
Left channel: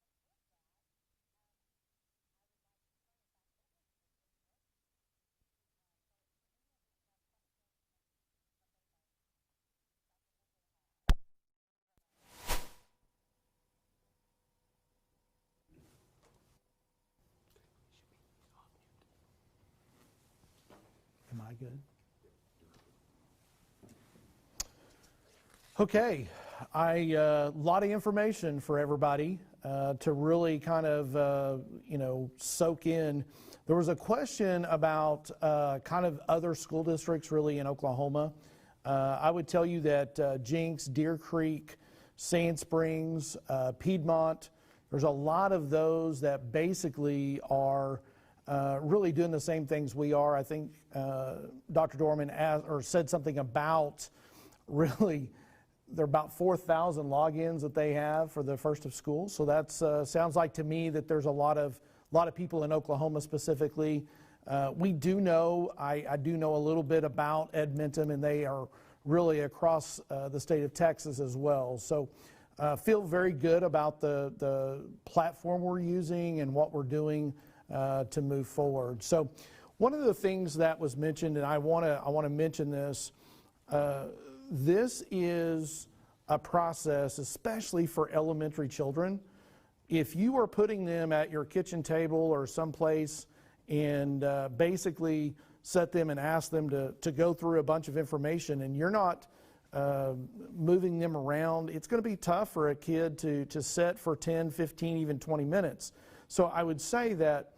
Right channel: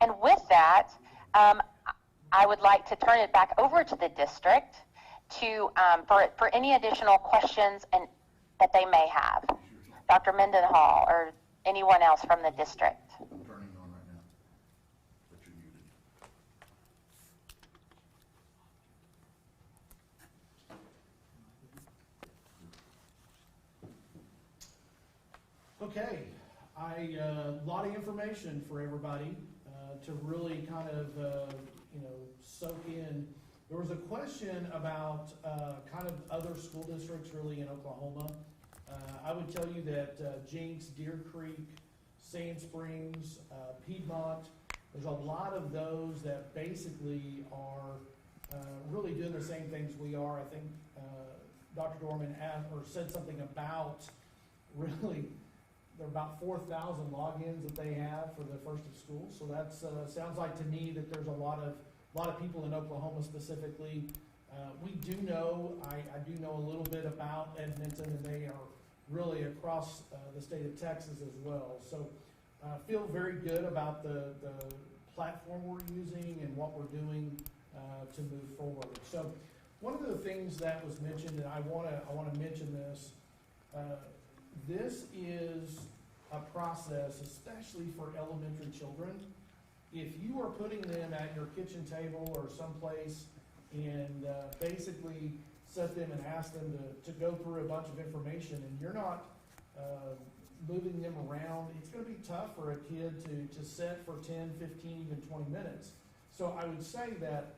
And with that, I would like to turn it back over to the district to for any additional questions that they may have. Dr. Mendenhall or anyone else from the district. I'm turning on right now, but you're muted. good? Okay, a lot of information for everybody to really kind of, soak in. There was a question about kind of other school districts really in Oklahoma. I would tell you that Jinx, Deer Creek, Sand Springs, Piedmont, there's a lot of those that basically are really doing the same things we are. I think Dr. Dorman said something about really, there are about 4,000 logins that they have for the first of school. So that sounds like to me that there's a lot of people in Oklahoma specifically. We do know, I do know a little bit about Edmonton, and they are really across the state of Texas as well. So feel very good about the platform we're using and what we're doing to move forward. So one of the things that was mentioned, and I want to mention this, this is a process, especially for elementary children. If you are putting them at your kitchen table or someplace and basically set them and ask them to go through a bunch of information and you're not moving them around, it's going to be tough for a kid to sit for 10, 15, even 20 minutes. So I would say that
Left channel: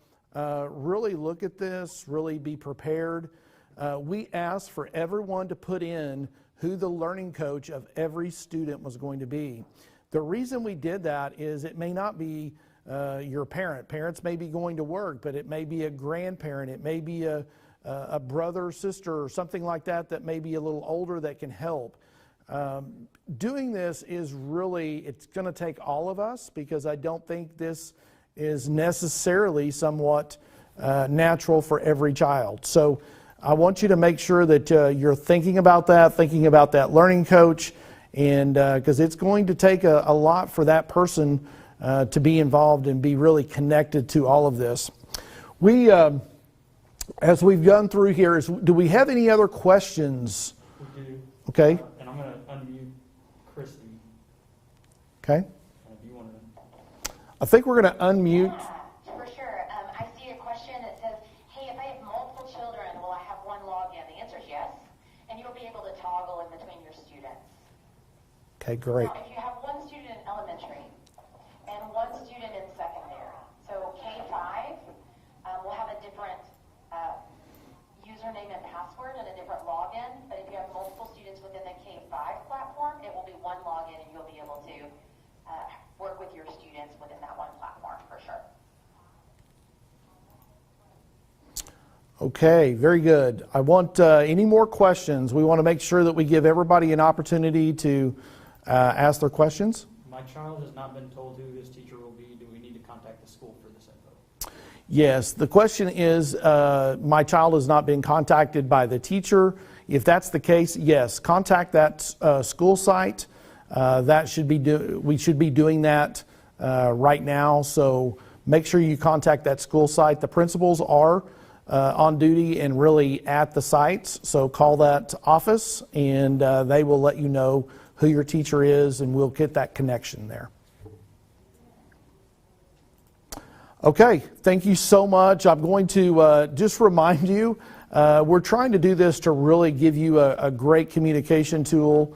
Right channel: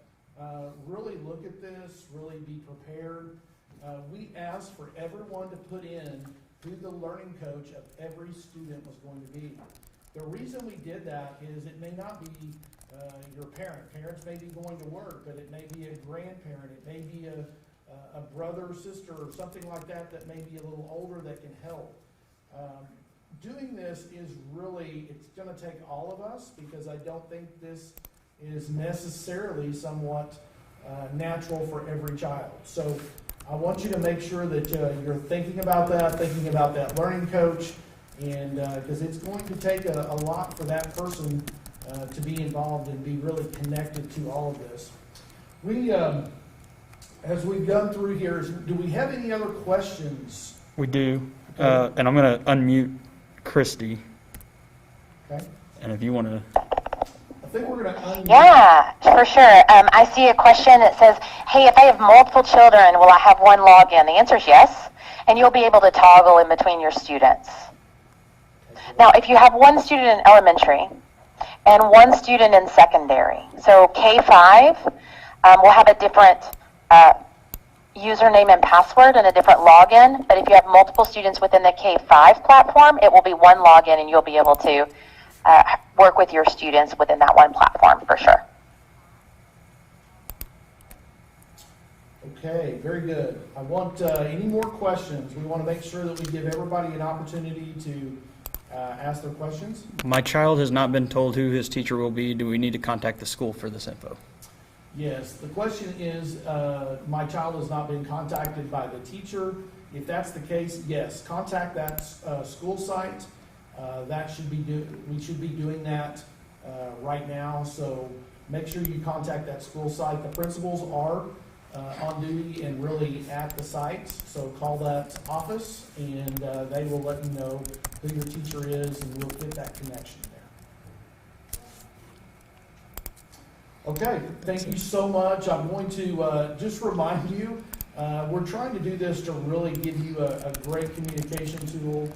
really look at this, really be prepared. We asked for everyone to put in who the learning coach of every student was going to be. The reason we did that is it may not be your parent. Parents may be going to work, but it may be a grandparent. It may be a brother, sister, or something like that that may be a little older that can help. Doing this is really, it's going to take all of us, because I don't think this is necessarily somewhat natural for every child. So I want you to make sure that you're thinking about that learning coach, and because it's going to take a lot for that person to be involved and be really connected to all of this. We, as we've gone through here, do we have any other questions? We do. Okay. And I'm going to unmute Christy. Okay. And if you want to. I think we're going to unmute. Yeah, for sure. I see a question that says, hey, if I have multiple children, will I have one login? The answer is yes, and you'll be able to toggle in between your students. Okay, great. Now, if you have one student in elementary and one student in secondary, so K-5 will have a different username and password and a different login, but if you have multiple students within the K-5 platform, it will be one login, and you'll be able to work with your students within that one platform for sure. Okay, very good. I want any more questions. We want to make sure that we give everybody an opportunity to ask their questions. My child has not been told who his teacher will be. Do we need to contact the school for this info? Yes, the question is, my child has not been contacted by the teacher. If that's the case, yes, contact that school site. We should be doing that right now. So make sure you contact that school site. The principals are on duty and really at the sites. So call that office, and they will let you know who your teacher is, and we'll get that connection there. Okay, thank you so much. I'm going to just remind you, we're trying to do this to really give you a great communication tool.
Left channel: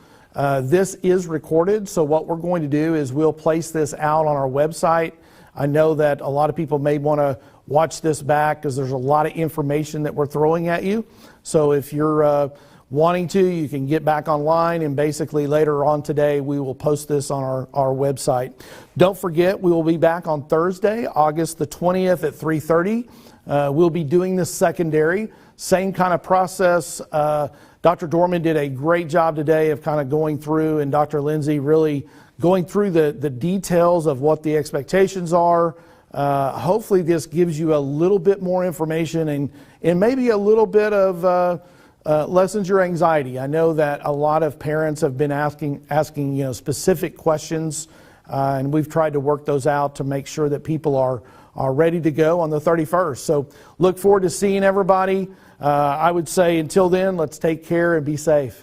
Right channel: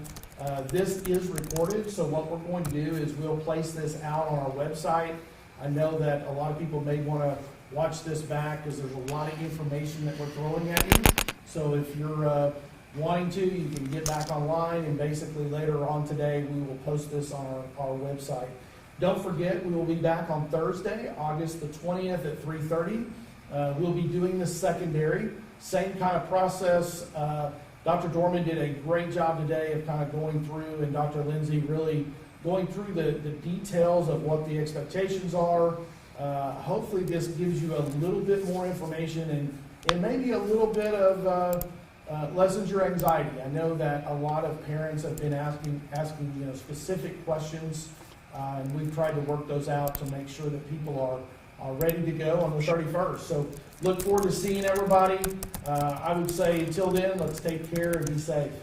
This is recorded, so what we're going to do is we'll place this out on our website. I know that a lot of people may want to watch this back because there's a lot of information that we're throwing at you. So if you're wanting to, you can get back online, and basically later on today we will post this on our website. Don't forget, we will be back on Thursday, August the 20th at 3:30. We'll be doing the secondary, same kind of process. Dr. Dorman did a great job today of kind of going through, and Dr. Lindsay really going through the details of what the expectations are. Hopefully this gives you a little bit more information and maybe a little bit of lessens your anxiety. I know that a lot of parents have been asking specific questions, and we've tried to work those out to make sure that people are ready to go on the 31st. So look forward to seeing everybody. I would say until then, let's take care and be safe.